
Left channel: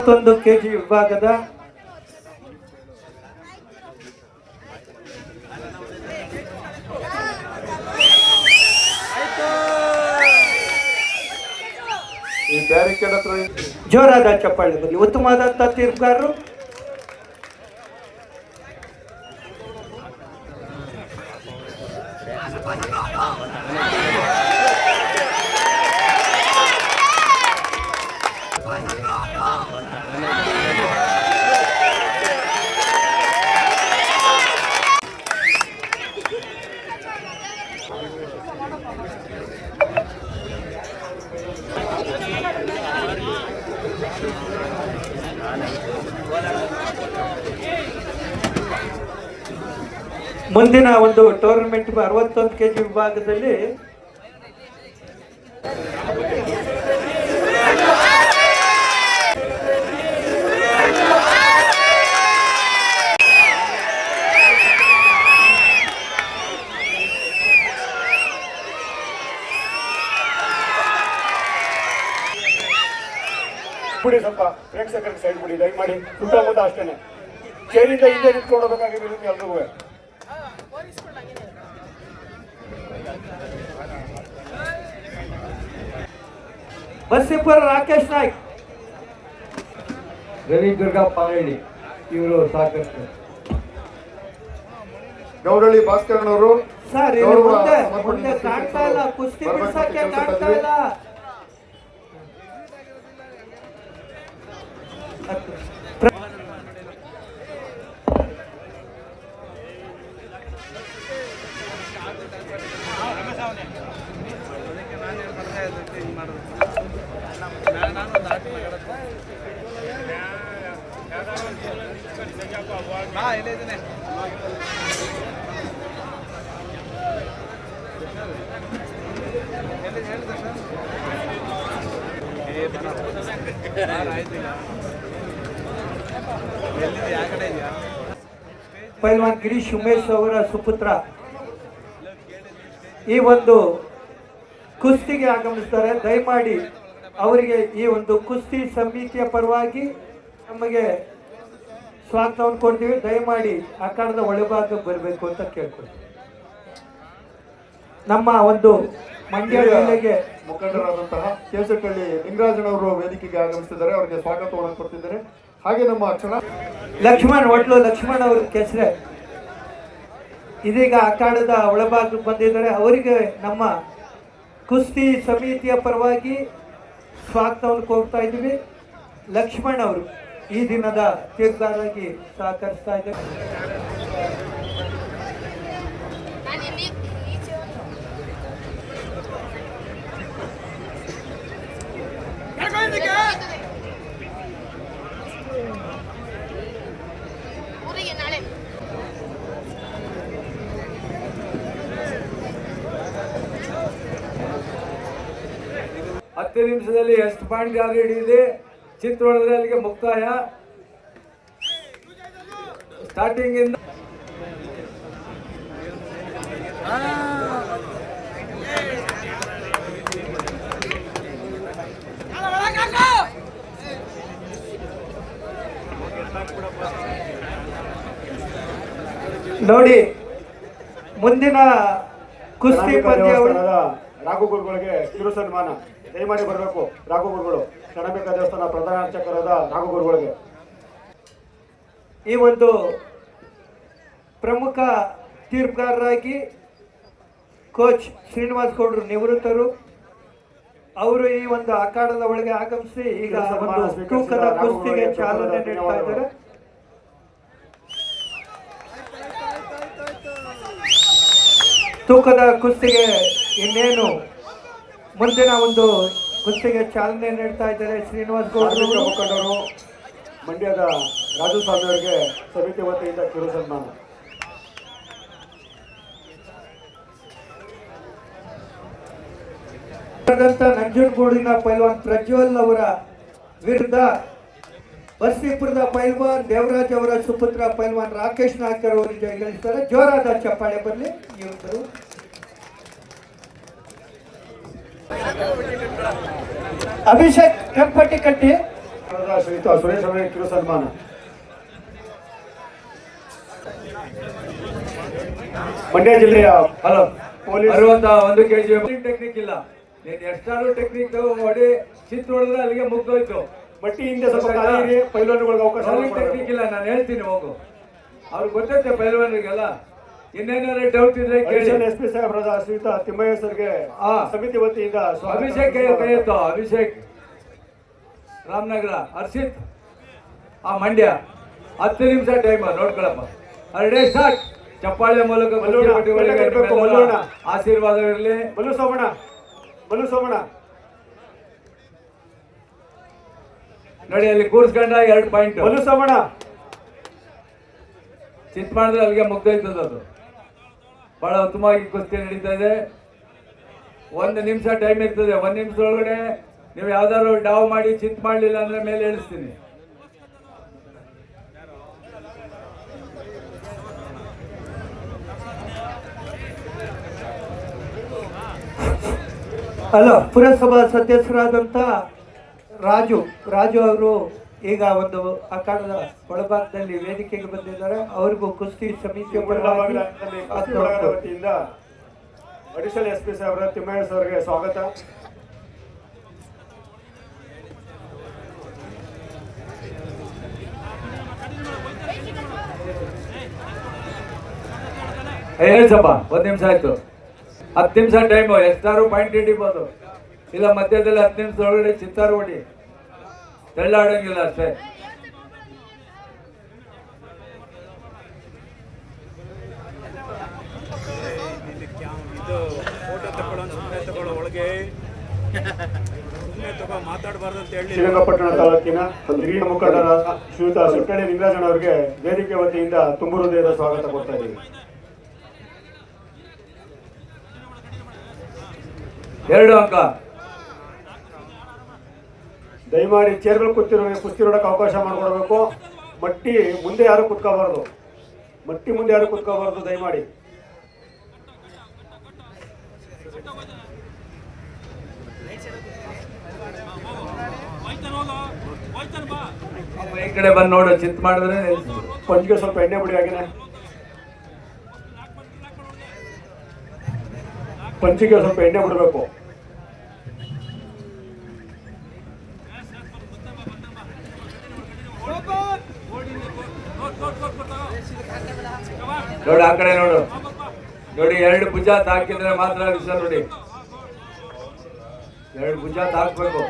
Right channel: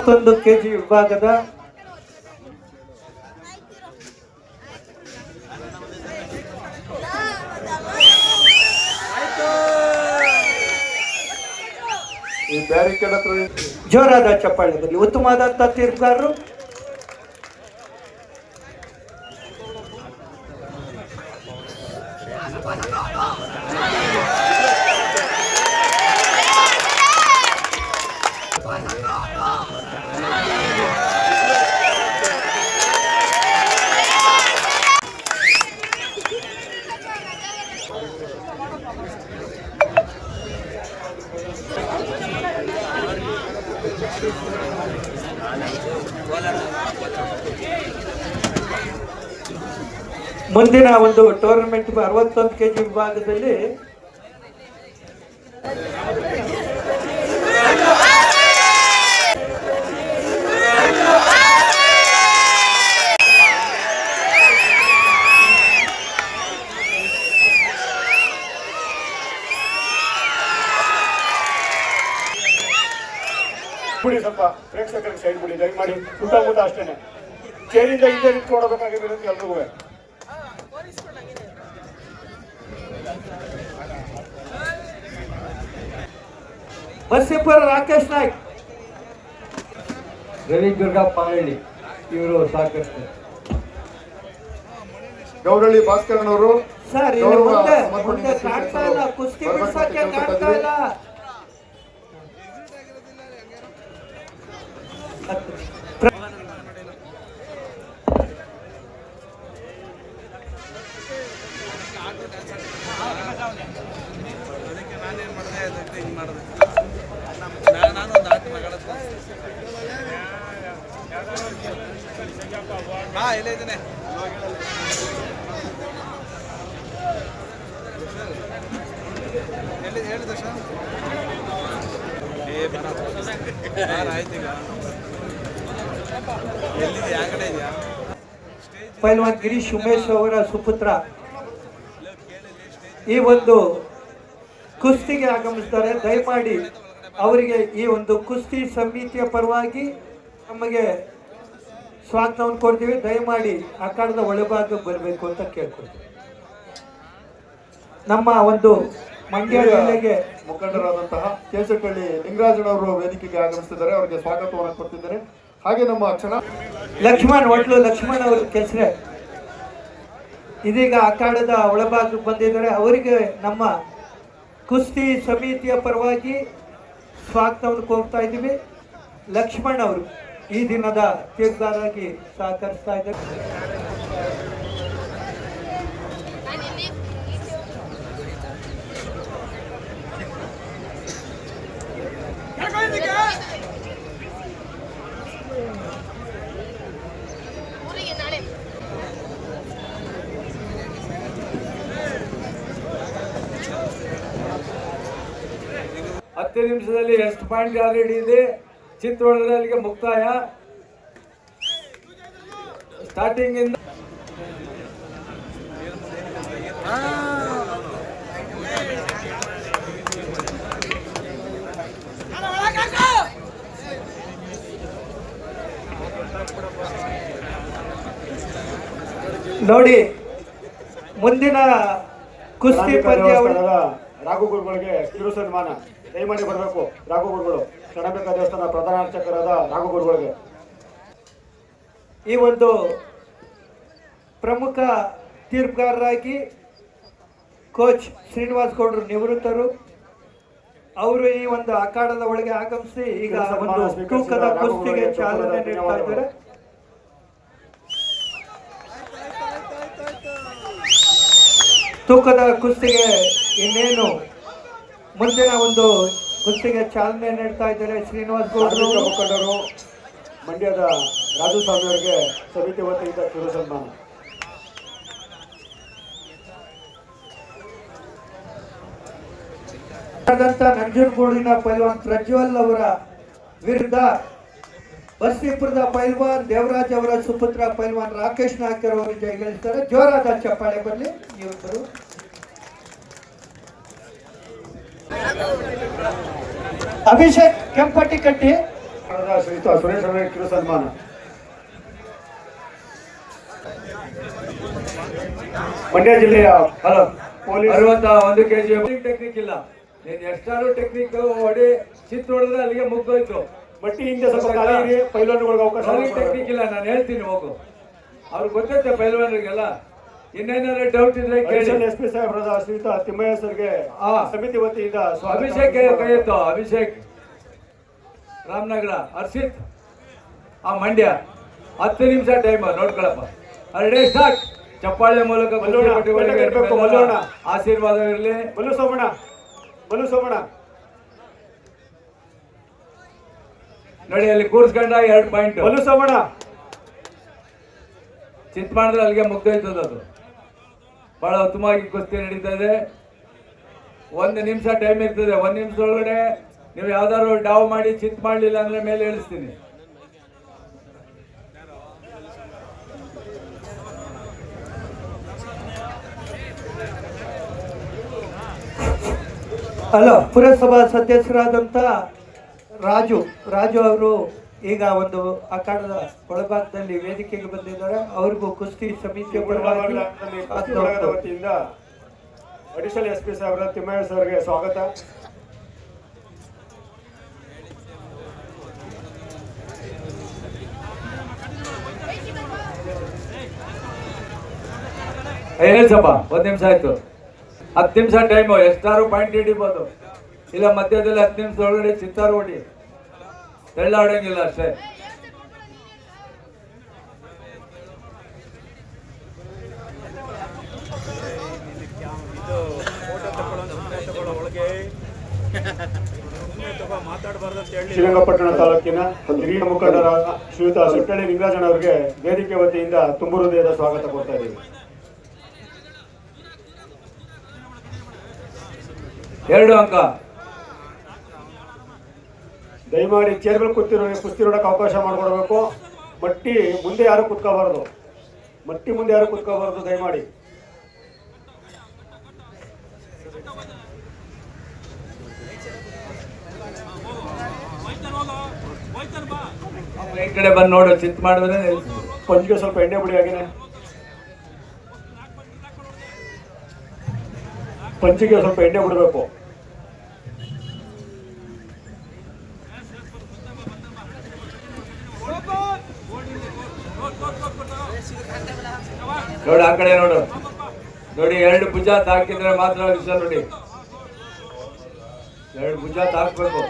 ಮತ್ತೊಂದು ಕೆಜಿ ವಿಭಾಗದ ಈ ಬ್ಯಾರಿಕೇಡ್ ಹತ್ರ ಜೋರಾದ ಚಪ್ಪಾಳೆ ಬರಲಿ. ಉತ್ತಮವಾದಂತಹ ತೀರ್ಪುಗಾರರು. ಮುಂದಿನ ಒಂದು ಟೂರ್ನಮೆಂಟ್ 61 kg ವಿಭಾಗದಲ್ಲಿ ಬಿಡಿ, ಸ್ವಲ್ಪ ಪ್ರೇಕ್ಷಕರಿಗೆ ಸೈಡ್ ಬಿಡಿ ದಯಮಾಡಿ. ಸುತ್ತಮುತ್ತ ಅಷ್ಟೇನೆ ಚೇರಿಂದ ಹಿಂದೆ ನಿಂತ್ಕೊಳ್ಳಬೇಕಾಗಿರುತ್ತೆ ಎಲ್ರಿಗೂ. ಬಸ್ಸಿಪುರ ರಾಕೇಶ್ ನಾಯ್ಕ್, ರವಿದುರ್ಗ ಪಾಲಳ್ಳಿ ಇವರು ಸಾಕಷ್ಟು. ಗೌರಳ್ಳಿ ಭಾಸ್ಕರನವರು ಸರ್ ಇದು ಮುಂದೆ ಕಾಣ್ತಾ ಇಲ್ಲ, ಕುಸ್ತಿ ಬಿಡ್ಸಕ್ಕೆ ಕಾಣ್ತಾ ಇಲ್ಲ. ಪೈಲ್ವಾನ್ ಗಿರೀಶ್ ಉಮೇಶ್ ಅವರ ಸುಪುತ್ರ ಈ ಒಂದು ಕುಸ್ತಿಗೆ ಆಗಮಿಸ್ತಾರೆ. ದಯಮಾಡಿ ಅವರಿಗೆ ಈ ಒಂದು ಕುಸ್ತಿ ಸಮಿತಿಯ ಪರವಾಗಿ ನಮಗೆ ಸ್ವಾಗತವನ್ನು ಕೊಡ್ತೀವಿ. ದಯಮಾಡಿ ಅಖಾಡದ ಒಳಭಾಗಕ್ಕೆ ಬರಬೇಕು ಅಂತ ಕೇಳ್ಕೊಳ್ತೀವಿ. ನಮ್ಮ ಒಂದು ಮಂಡ್ಯ ಜಿಲ್ಲೆಗೆ ಮುಖಂಡರಾದಂತಹ ಕೇಸಕಳ್ಳಿ ಲಿಂಗರಾಜನವರು ವೇದಿಕೆಗೆ ಆಗಮಿಸುತ್ತಿದ್ದಾರೆ. ಅವರಿಗೆ ಸ್ವಾಗತವನ್ನು ಕೊಡ್ತಿದ್ದಾರೆ. ಹಾಗೆ ನಮ್ಮ ಕ್ಷಣ ಲಕ್ಷ್ಮಣ್ ಒಟ್ಲು ಲಕ್ಷ್ಮಣ್ ಅವರು ಕೆಸರೆ ಇದೀಗ ಅಖಾಡದ ಒಳಭಾಗಕ್ಕೆ ಬಂದಿದ್ದಾರೆ. ಅವರಿಗೆ ನಮ್ಮ ಕುಸ್ತಿ ಸಮಿತಿಯ ಪರವಾಗಿ ಸ್ವಾಗತವನ್ನು ಕೋರ್ತಾ ಇದ್ದೀವಿ. ಲಕ್ಷ್ಮಣ್ ಅವರು ಈ ದಿನದ ತೀರ್ಪದಾರಾಗಿ ಸಹಕರಿಸ್ತಾ ಇದ್ದಾರೆ. ಹತ್ತು ನಿಮಿಷದಲ್ಲಿ ಎಷ್ಟು ಪಾಯಿಂಟ್ ಆಲ್ರೆಡಿ ಇದೆ. ಚಿತ್ರದುರ್ಗದಲ್ಲಿ ಮುಕ್ತಾಯ. ಸ್ಟಾರ್ಟಿಂಗ್ ಇಂದ ನೋಡಿ ಮುಂದಿನ ಕುಸ್ತಿ ಪಂದ್ಯಾವಳಿ ರಾಘು ಗುರುಗಳಿಗೆ ಕಿರು ಸನ್ಮಾನ. ದಯಮಾಡಿ ಬರಬೇಕು ರಾಘು ಗುರುಗಳು, ಕ್ಷಣಬೇಕ ದೇವಸ್ಥಾನ ಪ್ರಧಾನ ಅರ್ಚಕರಾದ ರಾಘು ಗುರುಗಳಿಗೆ. ಈ ಒಂದು ಪ್ರಮುಖ ತೀರ್ಪುಗಾರರಾಗಿ ಕೋಚ್ ಶ್ರೀನಿವಾಸ್ ಗೌಡ್ರು ನಿವೃತ್ತರು. ಅವರು ಈ ಒಂದು ಅಖಾಡದ ಒಳಗೆ ಆಗಮಿಸಿ ಈಗ ಒಂದು ತೂಕದ ಕುಸ್ತಿಗೆ ಚಾಲನೆ ನೀಡ್ತಾ ಇದ್ದಾರೆ. ತೂಕದ ಕುಸ್ತಿಗೆ ಇನ್ನೇನು ಮುಂದಿನ ಒಂದು ಕುಸ್ತಿಗೆ ಚಾಲನೆ ನೀಡ್ತಾ ಇದ್ದಾರೆ ಶ್ರೀನಿವಾಸ್ ಗೌಡ್ರು. ಮುಖಂಡರು ಮಂಡ್ಯದ ರಾಜು ಸ್ವಾಮಿ ಅವರಿಗೆ ಸಮಿತಿ ವತಿಯಿಂದ ಕಿರು ಸನ್ಮಾನ. ನಂಜನಗೂಡಿನ ಪೈಲ್ವಾನ್ ಪ್ರಜ್ವಲ್ ಅವರ ವಿರುದ್ಧ ಬಸ್ಸಿಪುರದ ಪೈಲ್ವಾನ್ ದೇವರಾಜ್ ಅವರ ಸುಪುತ್ರ ಪೈಲ್ವಾನ್ ರಾಕೇಶ್ ನಾಯ್ಕ್ ಅವರು ಜಯಗಳಿಸ್ತಾರೆ. ಜೋರಾದ ಚಪ್ಪಾಳೆ ಬರಲಿ. ಇವರು ಅಭಿಷೇಕ್ ಕೆಂಪಟ್ಟಿ ಕಟ್ಟಿ ಶ್ರೀಯುತ ಸುರೇಶ್ ಅವರಿಗೆ ಕಿರು ಸನ್ಮಾನ. ಮಂಡ್ಯ ಜಿಲ್ಲೆಯ ಹಲೋ ಪೊಲೀಸ್ 61 kg ಟೆಕ್ನಿಕ್ ಇಲ್ಲ. ನೀನು ಎಷ್ಟಾದ್ರೂ ಟೆಕ್ನಿಕ್ ಹೊಡಿ ಚಿತ್ರ ಹೊಡೆದ್ರೆ ಅಲ್ಲಿಗೆ ಮುಗ್ದೋಯ್ತು. ಮಟ್ಟಿ ಹಿಂದೆ ಸ್ವಲ್ಪ ಕಾಲಿಗೆ ಪೈಲ್ವಾನ್ಗಳಿಗೆ ಅವಕಾಶ ಟೆಕ್ನಿಕ್ ಇಲ್ಲ, ನಾನು ಹೇಳ್ತೀನಿ ಹೋಗು. ಅವ್ರಿಗೆ ಗೊತ್ತೈತೆ ಪೈಲ್ವಾನ್ರಿಗೆಲ್ಲ. ಇನ್ನೇನಾದ್ರು ಡೌಟ್ ಇದ್ರೆ ಎಸ್ ಪಿ ಸಾಹೇಬ್ರದ ಶ್ರೀಯುತ ತಿಮ್ಮಯ್ಯ ಸರ್ಗೆ ಸಮಿತಿ ವತಿಯಿಂದ ಅಭಿಷೇಕ್ ಕೈ ಎತ್ತು. ಅಭಿಷೇಕ್ ರಾಮನಗರ, ಹರ್ಷಿತ್ ಆ ಮಂಡ್ಯ. 10 ನಿಮಿಷ ಟೈಮ್ ನೋಡ್ಕೊಳಪ್ಪ. ಅರಡೆ ಸ್ಟಾರ್ಟ್. ಚಪ್ಪಾಳೆ ಮೂಲಕ ಆಶೀರ್ವಾದವಿರಲಿ. ಮಲ್ಲು ಸೋಮಣ್ಣ ನೋಡಿ ಅಲ್ಲಿ ಕೂರ್ಸ್ಕೊಂಡ 2 ಪಾಯಿಂಟ್. ಮಲ್ಲು ಸೋಮಣ್ಣ ಚಿತ್ ಮಾಡಿದ್ರೆ ಅಲ್ಲಿಗೆ ಮುಗ್ದೋಯ್ತದ ಅದು. ಬಹಳ ಉತ್ತಮವಾಗಿ ಕುಸ್ತಿ ನಡೀತಾ ಇದೆ. 1 ನಿಮಿಷ ಟೈಮ್ ಇರ್ತದೆ. 1 ನಿಮಿಷದೊಳಗಡೆ ನೀವು ಯಾವ್ದಾದ್ರು ಡಾವ್ ಮಾಡಿ ಚಿತ್ ಮಾಡಲಿಲ್ಲ ಅಂದ್ರೆ ಮೇಲೆ ಇಳಿಸ್ತೀನಿ. ಅಲ್ಲ, ಪುರಸಭಾ ಸದಸ್ಯರಾದಂಥ ರಾಜು ಅವರು ಈಗ ಒಂದು ಅಖಾಡದ ಒಳಭಾಗದಲ್ಲಿ ವೇದಿಕೆಗೆ ಬಂದಿದ್ದಾರೆ. ಅವ್ರಿಗೂ ಕುಸ್ತಿ ಸಮಿತಿಯ ಪರವಾಗಿ ವತಿಯಿಂದ ಅಡಿಷನಲ್ SP ಸಾಹೇಬರ ತಿಮ್ಮಯ್ಯ ಅವರಿಗೆ ಸ್ವಾಗತ. ಹೇಳ್ಸಪ್ಪ, 1 ನಿಮಿಷ ಆಯ್ತು. 10 ನಿಮಿಷ ಟೈಮು. ಎಷ್ಟಾರು ಪಾಯಿಂಟ್ ಹಿಡಿಬೋದು, ಇಲ್ಲ ಮಧ್ಯದಲ್ಲಿ 10 ನಿಮಿಷದೊಳಗಡೆ ಚಿತ್ತಾರು ಹೊಡಿ. ತೆಳ್ಳಾಡಂಗಿಲ್ಲ ಅಷ್ಟೇ. ಶ್ರೀರಂಗಪಟ್ಟಣ ತಾಲೂಕಿನ ಹಿರಿಯ ಮುಖಂಡರಾದ ಶ್ರೀಯುತ ಸರ್ಕಳ್ಳಿ ನಿಂಗರಾಜಣ್ಣ ಅವರಿಗೆ ವೇದಿಕೆ ವತಿಯಿಂದ ತುಂಬು ಹೃದಯದ ಸ್ವಾಗತ ಕೊಡ್ತಾ ಇದ್ದೀವಿ. 2 ಅಂಕ. ದಯಮಾಡಿ ಚೇರ್ಗಳು ಕೂತಿರೋರಿಗೆ ಕುಸ್ತಿ ನೋಡಕ್ಕೆ ಅವಕಾಶ ಮಾಡಿಕೊಡ್ಬೇಕು. ಮಟ್ಟಿ ಮುಂದೆ ಯಾರು ಕುತ್ಕೋಬಾರ್ದು, ದಯಮಾಡಿ. ಈ ಕಡೆ ಬಂದು ನೋಡು, ಚಿತ್ ಮಾಡಿದ್ರೆ ಕೊಂಚಿಗೆ ಸ್ವಲ್ಪ ಎಣ್ಣೆ ಬಿಡಿ. ಹಾಗೇನೆ ಪಂಚಿಗೆ ಸ್ವಲ್ಪ ಎಣ್ಣೆ ಬಿಡಬೇಕು. ನೋಡಿ ಆ ಕಡೆ ನೋಡು. ನೋಡಿ 2 ಭುಜ ತಾಕಿದ್ರೆ ಮಾತ್ರ ವಿಷಯ. ನೋಡಿ 2 ಭುಜ ತಾಕ್ಬೇಕು.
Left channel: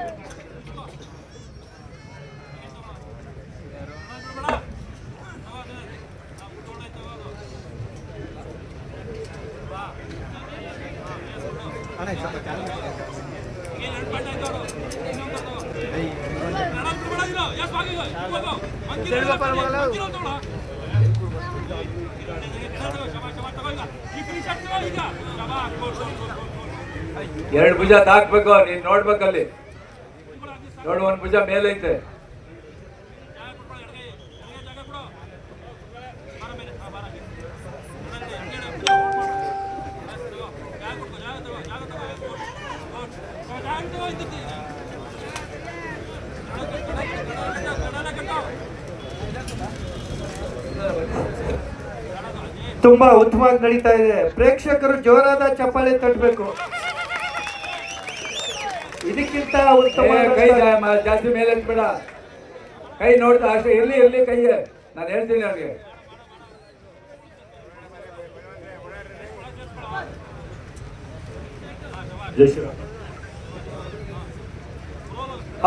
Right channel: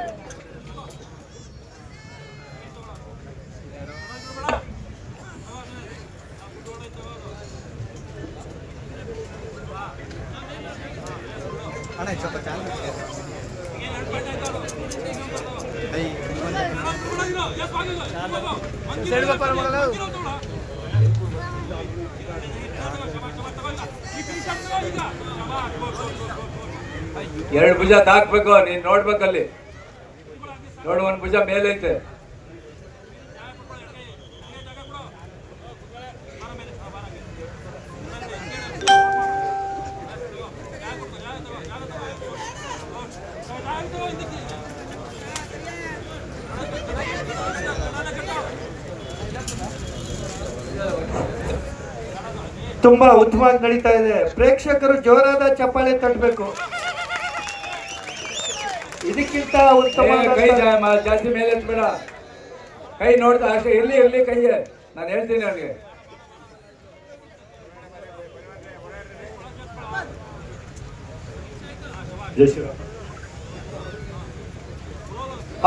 ಎರಡು ಭುಜ ತಾಕ್ಬೇಕು. ನೀನ್ ನೋಡ್ಬೇಕಲ್ಲಿ ನೋಡು, 1 ಭುಜ ಮೇಲೈತೆ. ತುಂಬಾ ಉತ್ತಮವಾಗಿ ನಡೀತಾ ಇದೆ. ಪ್ರೇಕ್ಷಕರು ಜೋರಾದ ಚಪ್ಪಾಳೆ ತಟ್ಟಬೇಕು. ಇದಕ್ಕಿಂತ ಉತ್ತಮ ಕೈ ಜಾಸ್ತಿ ಮೇಲೆ ಬೇಡ. ಕೈ ನೋಡ್ತಾ ಅಷ್ಟೇ ಇರ್ಲಿ ಕೈಗೆ. ನಾನು ಹೇಳ್ತೀನಿ ಅವ್ನಿಗೆ.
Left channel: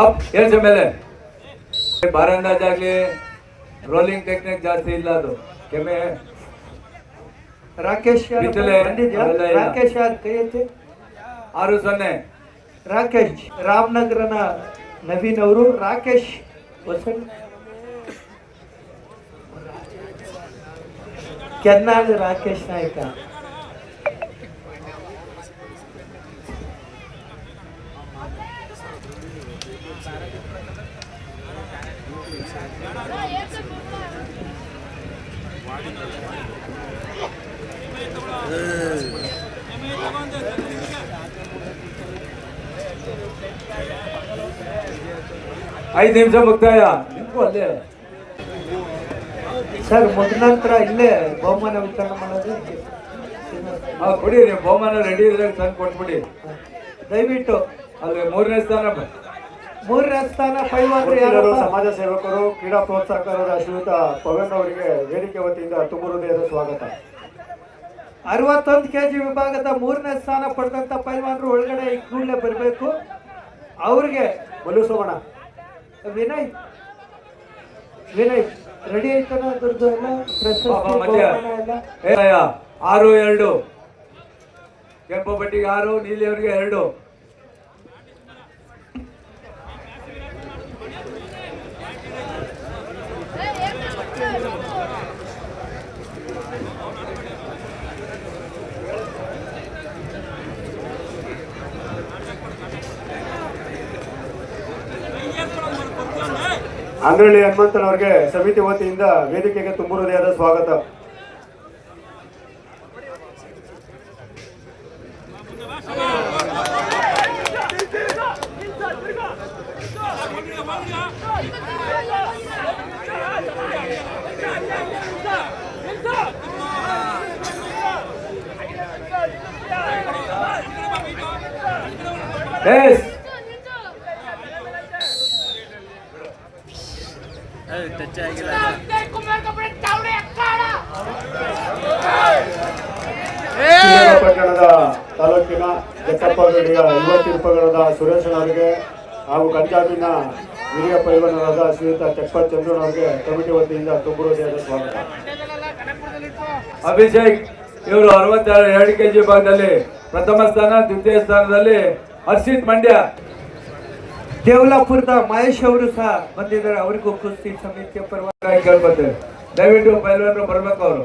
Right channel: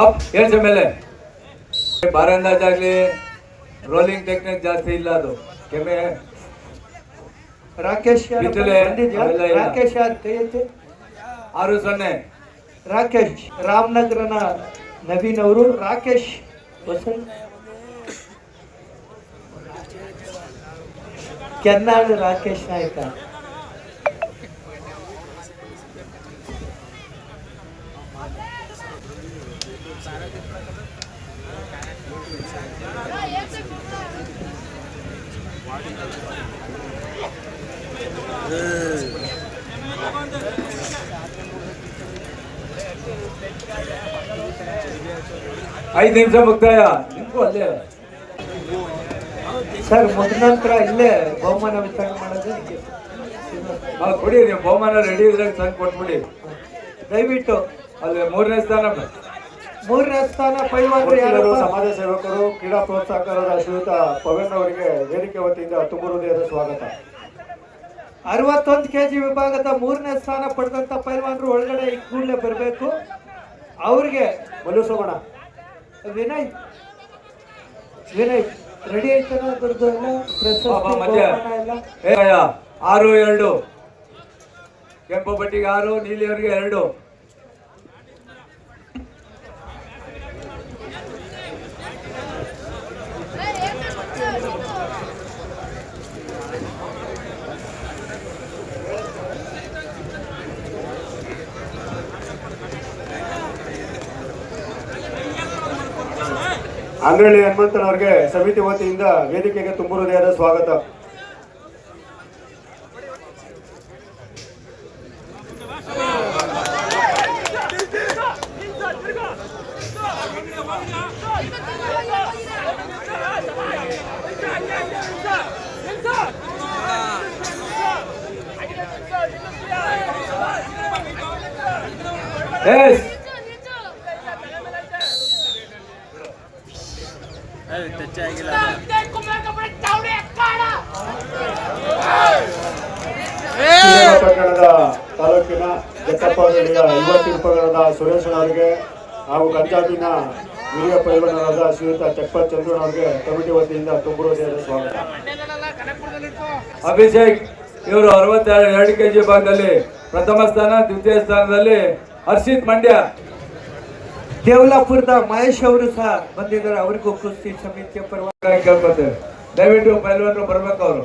ಅಪ್ ಹೇಳ್ಸ ಮೇಲೆ. ಬಾರ್ ಅಂದಾಜಾಗ್ಲಿ ರೋಲಿಂಗ್ ಟೆಕ್ನಿಕ್ ಜಾಸ್ತಿ ಇಲ್ಲ. ಅದು ಕೆಮ್ಮೆ ರಾಕೇಶ್ ರಾಕೇಶ್ 6-0. ರಾಕೇಶ್ ರಾಮನಗರನ ನವೀನ್ ಅವರು. ರಾಕೇಶ್ ವಸಂತ್ ಕೆನ್ನಾಳು ರಾಕೇಶ್ ನಾಯ್ಕ. ಐದು ನಿಮಿಷ ಮುಕ್ತಾಯ. ನಿಮ್ಗೂ ಅಲ್ಲೇ ಸರ್ ಮುಗಿದ ನಂತರ ಇಲ್ಲೇ ಬಹುಮಾನ ವಿತರಣೆ ಮಾಡೋದು. ಕೊಡಿ, ನೀವು ಬಹುಮಾನ ರೆಡಿ ಇದ್ರೆ ತಂದು ಕೊಟ್ಬಿಡಿ ದಯವಿಟ್ಟು. ಅಲ್ಲಿ 3ನೇ ಸ್ಥಾನ ಪೈಲ್ವಾನರು ಸಮಾಜ ಸೇವಕರು, ಕ್ರೀಡಾ ಪ್ರೋತ್ಸಾಹಕರಾದ ಶ್ರೀಯುತ ಪವನ್ ಅವರಿಗೆ ವೇದಿಕೆ ವತಿಯಿಂದ ತುಂಬ ಹೃದಯದ ಸ್ವಾಗತ. 61 kg ವಿಭಾಗದ 3ನೇ ಸ್ಥಾನ ಪಡೆದಂತ ಪೈಲ್ವಾನರು ಒಳಗಡೆ ಕೂಡಲೇ ಬರಬೇಕು. ಅವ್ರಿಗೆ ಮಲ್ಲುಸೋಮಣ್ಣ, ವಿನಯ್ ರೆಡಿ ಆಯ್ತಾನ? ಅದ್ರದ್ದು ಎಲ್ಲ ಪ್ರಶಸ್ತಿ ಎಲ್ಲ 6-2. ಕೆಂಪು ಬಟ್ಟಿಗೆ 6, ನೀಲಿಯವರಿಗೆ 2. ಅಂದ್ರಳ್ಳಿ ಹನುಮಂತನವರಿಗೆ ಸಮಿತಿ ವತಿಯಿಂದ ವೇದಿಕೆಗೆ ತುಂಬು ಹೃದಯದ ಸ್ವಾಗತ. Yes. ಶ್ರೀರಂಗಪಟ್ಟಣದ ತಾಲೂಕಿನ ಜಟ್ಟಪ್ಪಗಡಿಯ ಯುವ ತಿರುಪಗಡದ ಸುರೇಶನವರಿಗೆ ಹಾಗೂ ಕಂಚಾಪಿನ ಹಿರಿಯ ಪೈಲವನರಾದ ಶ್ರೀಯುತ ಚಟ್ಪತ್ ಚಂದ್ರನವರಿಗೆ ಕಮಿಟಿ ವತಿಯಿಂದ ತುಂಬು ಹೃದಯದ ಸ್ವಾಗತ. ಅಭಿಷೇಕ್ ಇವರು 62 kg ವಿಭಾಗದಲ್ಲಿ ಪ್ರಥಮ ಸ್ಥಾನ, ದ್ವಿತೀಯ ಸ್ಥಾನದಲ್ಲಿ ಹರ್ಷಿತ್ ಮಂಡ್ಯ. ದೇವಲಾಪುರದ ಮಹೇಶ್ ಅವರು ಸಹ ಬಂದಿದ್ದಾರೆ, ಅವರಿಗೂ ಕುಸ್ತಿ ಸಮಿತಿಯ ಪರವಾಗಿ ಕೇಳ್ಕೊತೇವೆ. ದಯವಿಟ್ಟು ಪೈಲ್ವಾನರು ಬರ್ಬೇಕು. ಅವರು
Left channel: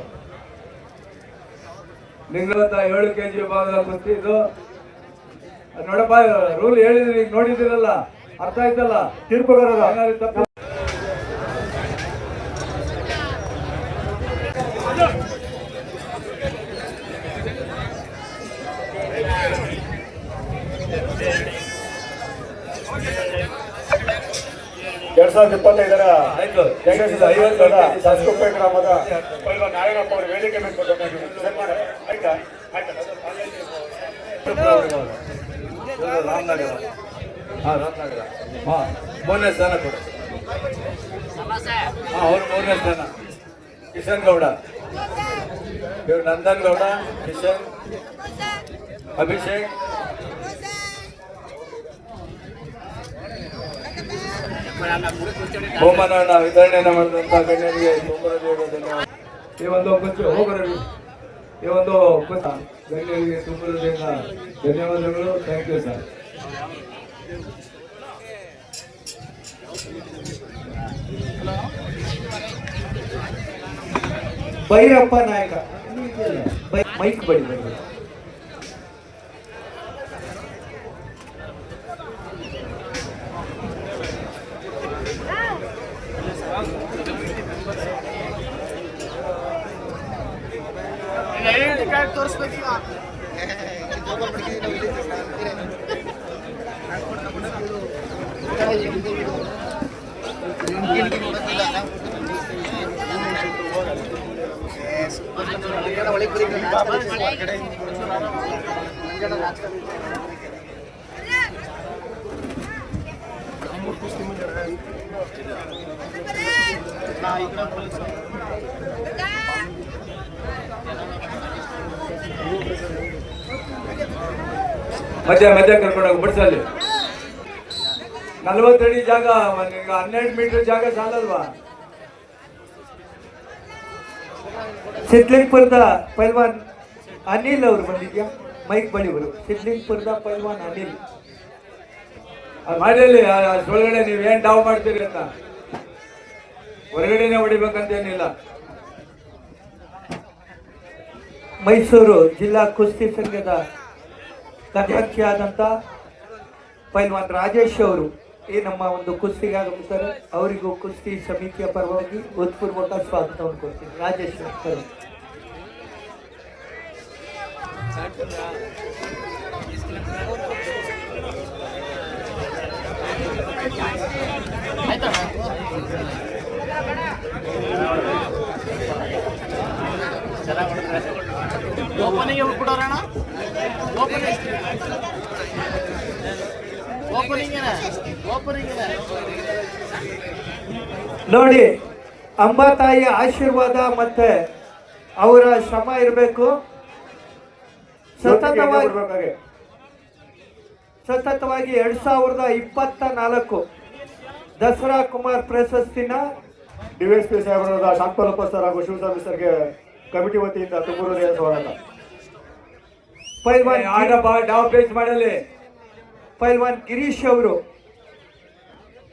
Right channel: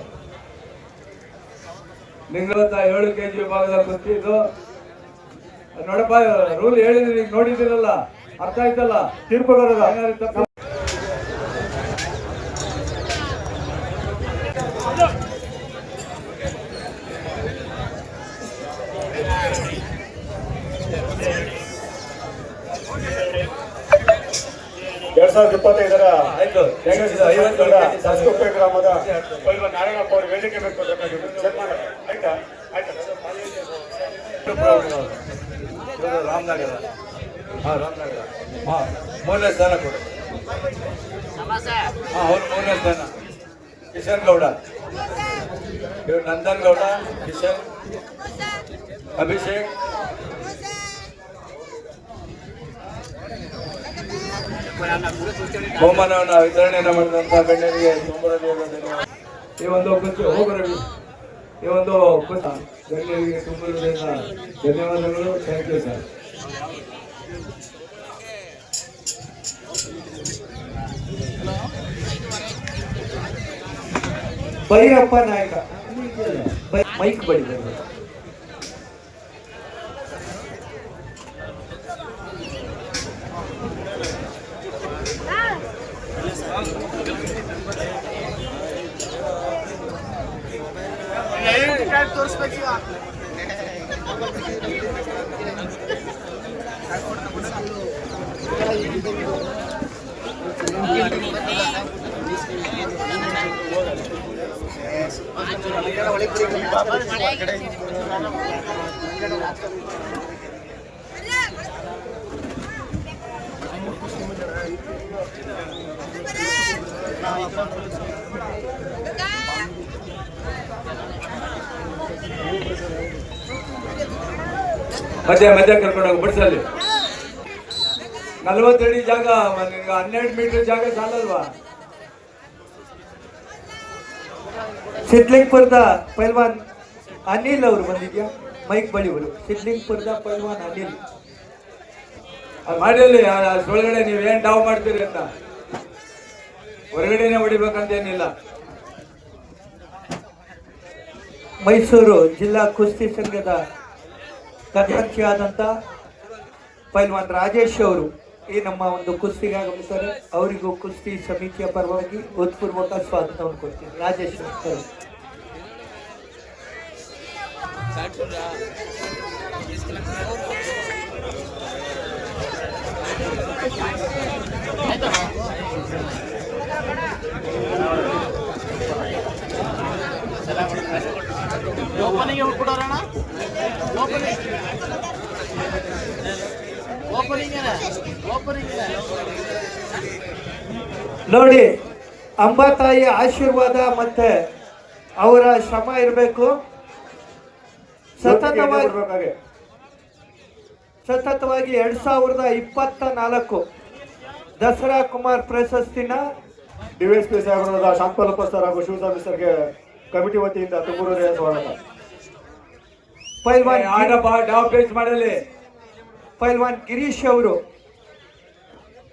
7 kg ವಿಭಾಗದ ಕುಸ್ತಿ ಇದು. ನೋಡಪ್ಪ, ರೂಲ್ ಹೇಳಿದ್ರಿ, ಈಗ ನೋಡಿದಿರಲ್ಲ, ಅರ್ಥ ಆಯ್ತಲ್ಲ. ತಿರುಪಗಡದ ಏನಾದ್ರು ತಪ್ಪು ಎರಡ್ ಸಾವಿರದ 25ರ ಸಂಸ್ಕೃತಿ ಗ್ರಾಮದ ನಾರಾಯಣಪ್ಪ ಅವರು ವೇದಿಕೆ ಮೇಲೆ ಮೂರನೇ ಸ್ಥಾನ ಕೊಡು. ಮೂರನೇ ಸ್ಥಾನ ಕಿಶನ್ ಗೌಡ, ಇವರು ನಂದನ್ ಗೌಡ, ಕಿಶನ್, ಅಭಿಷೇಕ್, ಬಹುಮಾನವನ್ನ ವಿತರಣೆಯನ್ನು ಮಾಡಿದಂತಹ ಗಣ್ಯರಿಗೆ ಈ ಒಂದು ಹೋಗರವಿ ಈ ಒಂದು ಗಣ್ಯರಿಗೆ ತುಂಬ ಧನ್ಯವಾದಗಳು. Thank you sir. ಭೈರಪ್ಪ ನಾಯಕ ಮೈಕ್ ಬಡಿ ಬಡಿ. ತೋರಿಸ್ಬೇಕೀಗ. ಮಧ್ಯ ಕರ್ಕೊಂಡೋಗಿ ಬಿಡ್ಸಲ್ಲಿ. 40 ಅಡಿ ಜಾಗ, 12 ಮೀಟರ್ ಜಾಗ ಸಾಲಲ್ವಾ? ಸಿದ್ಲಿಂಗ್ಪುರದ ಪೈಲ್ವಾನ್ ಅನಿಲ್ ಅವರು ಬಂದಿದ್ಯಾ? ಮೈಕ್ ಬಳಿ ಬರು. ಸಿದ್ಲಿಂಗ್ಪುರದ ಪೈಲ್ವಾನ್ ಅನಿಲ್ ಅದು ಮಾಡಿ ಒಳಗಡೆ ನೀವು ಏನ್ ಡಾವ್ ಮಾಡ್ತೀರಿ ಅಂತ ಹೊರಗಡೆನೆ ಹೊಡಿಬೇಕಂತೇನಿಲ್ಲ. ಮೈಸೂರು ಜಿಲ್ಲಾ ಕುಸ್ತಿ ಸಂಘದ ಅಧ್ಯಕ್ಷರಾದಂಥ ಪೈಲ್ವಾನ್ ರಾಜೇಶ್ ಅವರು ಈ ನಮ್ಮ ಒಂದು ಕುಸ್ತಿಗೆ ಆಗಮಿಸ್ತಾರೆ. ಅವರಿಗೂ ಕುಸ್ತಿ ಸಮಿತಿಯ ಪರವಾಗಿ ಹೃತ್ಪೂರ್ವಕ ಸ್ವಾಗತವನ್ನು ಕೊಡ್ತೀನಿ. ರಾಜೇಶ್ ಸರ್. ಓಪನಿಂಗ್ ಬಿಡೋರಣ, ಓಪನಿಂಗ್ ನೋಡಿ, ಅಂಬಾತಾಯಿ ಆಶೀರ್ವಾದ ಮತ್ತೆ ಅವರ ಶ್ರಮ ಇರಬೇಕು. ಸತತವಾಗಿ 2024 ದಸರಾ ಕುಮಾರ್ ಪ್ರಶಸ್ತಿನ ಡಿವೈಎಸ್ಪಿ ಸಾಹೇಬರಾದ ಶಾಂತಪಲ್ಲಪ್ಪ ಸರ್ ಹಾಗೂ ಶಿವಸ್ವಾಮಿ ಸರ್ಗೆ ಕಮಿಟಿ ವತಿಯಿಂದ ತುಂಬ ಹೃದಯ ಸ್ವಾಗತ. ಪೈಲ್ವಾನ್ ಗಿರೀಶ್ ಅವರು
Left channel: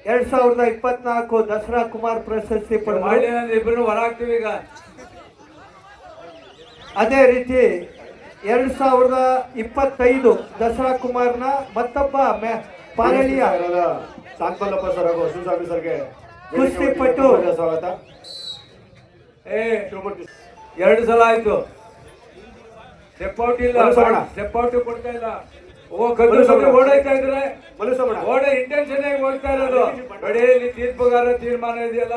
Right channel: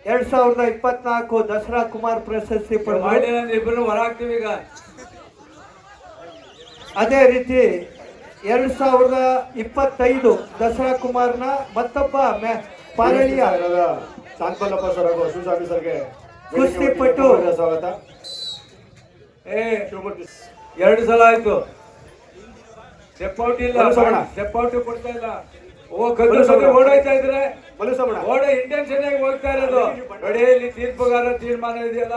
2024 ದಸರಾ ಕುಮಾರ್ ಪ್ರಶಸ್ತಿ ಪಡೆದರು. ಇಬ್ಬರು ಹೊರ ಹಾಕ್ತೀವಿ ಈಗ. ಅದೇ ರೀತಿ 2025 ದಸರಾ ಕುಮಾರ್ನ ಮತ್ತೊಬ್ಬ ಪಾಲಳಿಯ ಶಾಂತಪಲ್ಲಪ್ಪ ಸರ್ ಹಾಗೂ ಶಿವಸ್ವಾಮಿ ಸರ್ಗೆ ಕುಸ್ತಿಪಟು ಸ್ವಾಗತ. ಏ 2 ಸಲ ಆಯ್ತು ಸ್ಟೆಪ್ ಔಟ್ ಇಲ್ಲ, ಮನುಷ್ಯಮಣ. ಸ್ಟೆಪ್ ಔಟ್ ಕೊಡ್ತಾ ಇಲ್ಲ. ಕದ್ದು ಓಡಾಯ್ತಾ ಇದ್ರೆ ಮಲುಸಮಣ ಓಡ ಇಂಟೆನ್ಷನ್ ಆಗಿ ಹೋಗ್ತಾ ಇರೋದು ನೋಡಿ. ಇಲ್ಲಿ ತೀರ್ಪುಗಾರ ತೀರ್ಮಾನ ಇದೆಯಲ್ಲ,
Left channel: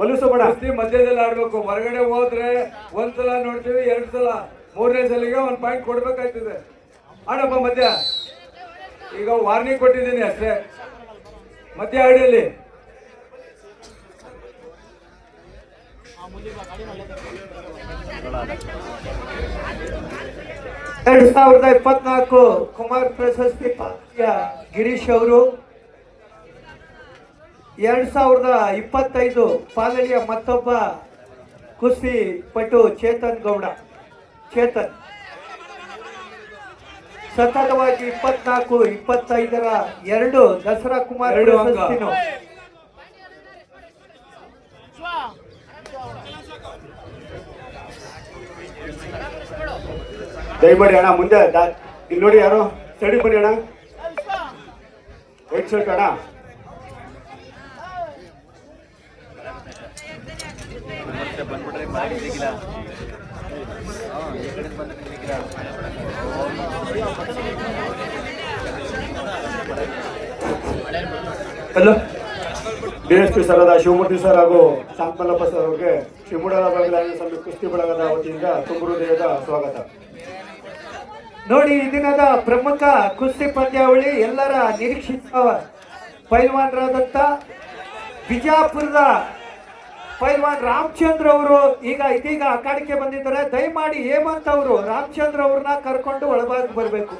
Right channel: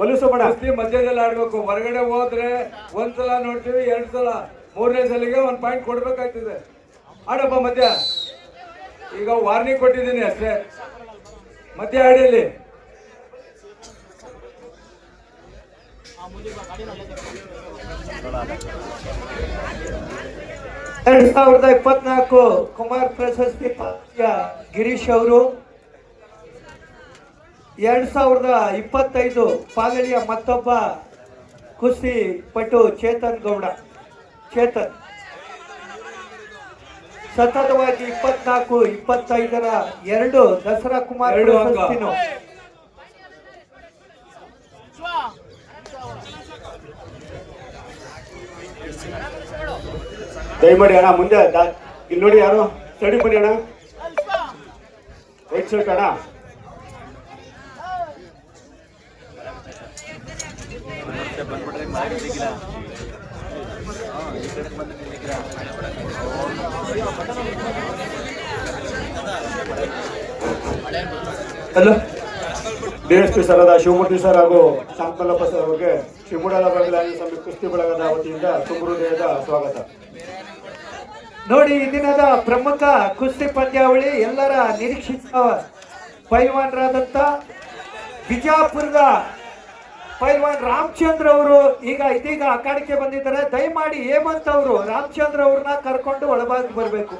ಮಲುಸಮಣ ಕುಸ್ತಿ ಮಧ್ಯದಲ್ಲಿ ಆಡ್ಬೇಕು. ಹೊರಗಡೆ ಹೋದ್ರೆ 1 ಸಲ ನೋಡ್ತೀವಿ, 2 ಸಲ, 3ನೇ ಸಲಿಗೆ 1 ಪಾಯಿಂಟ್ ಕೊಡ್ಬೇಕಾಗ್ತದೆ. ಆಡಪ್ಪ ಮಧ್ಯ. ಈಗ ವಾರ್ನಿಂಗ್ ಕೊಟ್ಟಿದ್ದೀನಿ ಅಷ್ಟೇ, ಮಧ್ಯ ಆಡಿಯಲ್ಲಿ. ಎರಡ್ 2024 ಕುಮಾರ್ ಪ್ರಶಸ್ತಿ ಪಂದ್ಯ ಗಿರೀಶ್ ಅವರು, 2025 ಪಾಲಳಿಯ ಮತ್ತೊಬ್ಬ ಕುಸ್ತಿ ಪಟು ಚೇತನ್ ಗೌಡ. ಚೇತನ್ ಸತತವಾಗಿ 24, 25ರ 2 ದಸರಾ ಕುಮಾರ್ 2 ಅಂಕ. ಪ್ರಶಸ್ತಿನು. ದಯಮಾಡಿ ಅಣ್ಣ ಮುಂದೆ ಇಲ್ಲಿ ನೋಡಿ, ಯಾರು ಸ್ಟಡಿ ಬನ್ನಿ ಅಣ್ಣ. ವೈಟ್ ಶರ್ಟ್ ಅಣ್ಣ. ಹಲೋ, ಡಿಎಸ್ಪಿ ಸರ್ ಆದ ಶಿವಮೂರ್ತಿ ಸರ್ ಹಾಗೂ ಶಾಂತಮಲ್ಲಪ್ಪ ಸರ್ ಅವರಿಗೆ ಶಿವಮೂಡಲ ಬದಲಾಗಿ ಸಮಿತಿ ಕುಸ್ತಿ ಬಳಗದ ವತಿಯಿಂದ ತುಂಬ ಹೃದಯದ ಸ್ವಾಗತ. ನೋಡಿ, ಈ ದಿನದ ಪ್ರಮುಖ ಕುಸ್ತಿ ಪಂದ್ಯಾವಳಿ ಎಲ್ಲರ ನಿರೀಕ್ಷಿತ ಪೈಲ್ವಾನರಾದಂಥ ಬಿಜಾಪುರದ ಪೈಲ್ವಾನ್ ರಾಮಚಂದ್ರ ಅವರು ಇದೀಗ ಅಖಾಡಕ್ಕೆ ಬಂದಿದ್ದಾರೆ. ದಯಮಾಡಿ ಹೇಮಂತ್ ಅವರು ರಾಮಚಂದ್ರ ಅವ್ರನ್ನ ಕರ್ಕೊಂಡು ಒಳಭಾಗ ಬರಬೇಕು.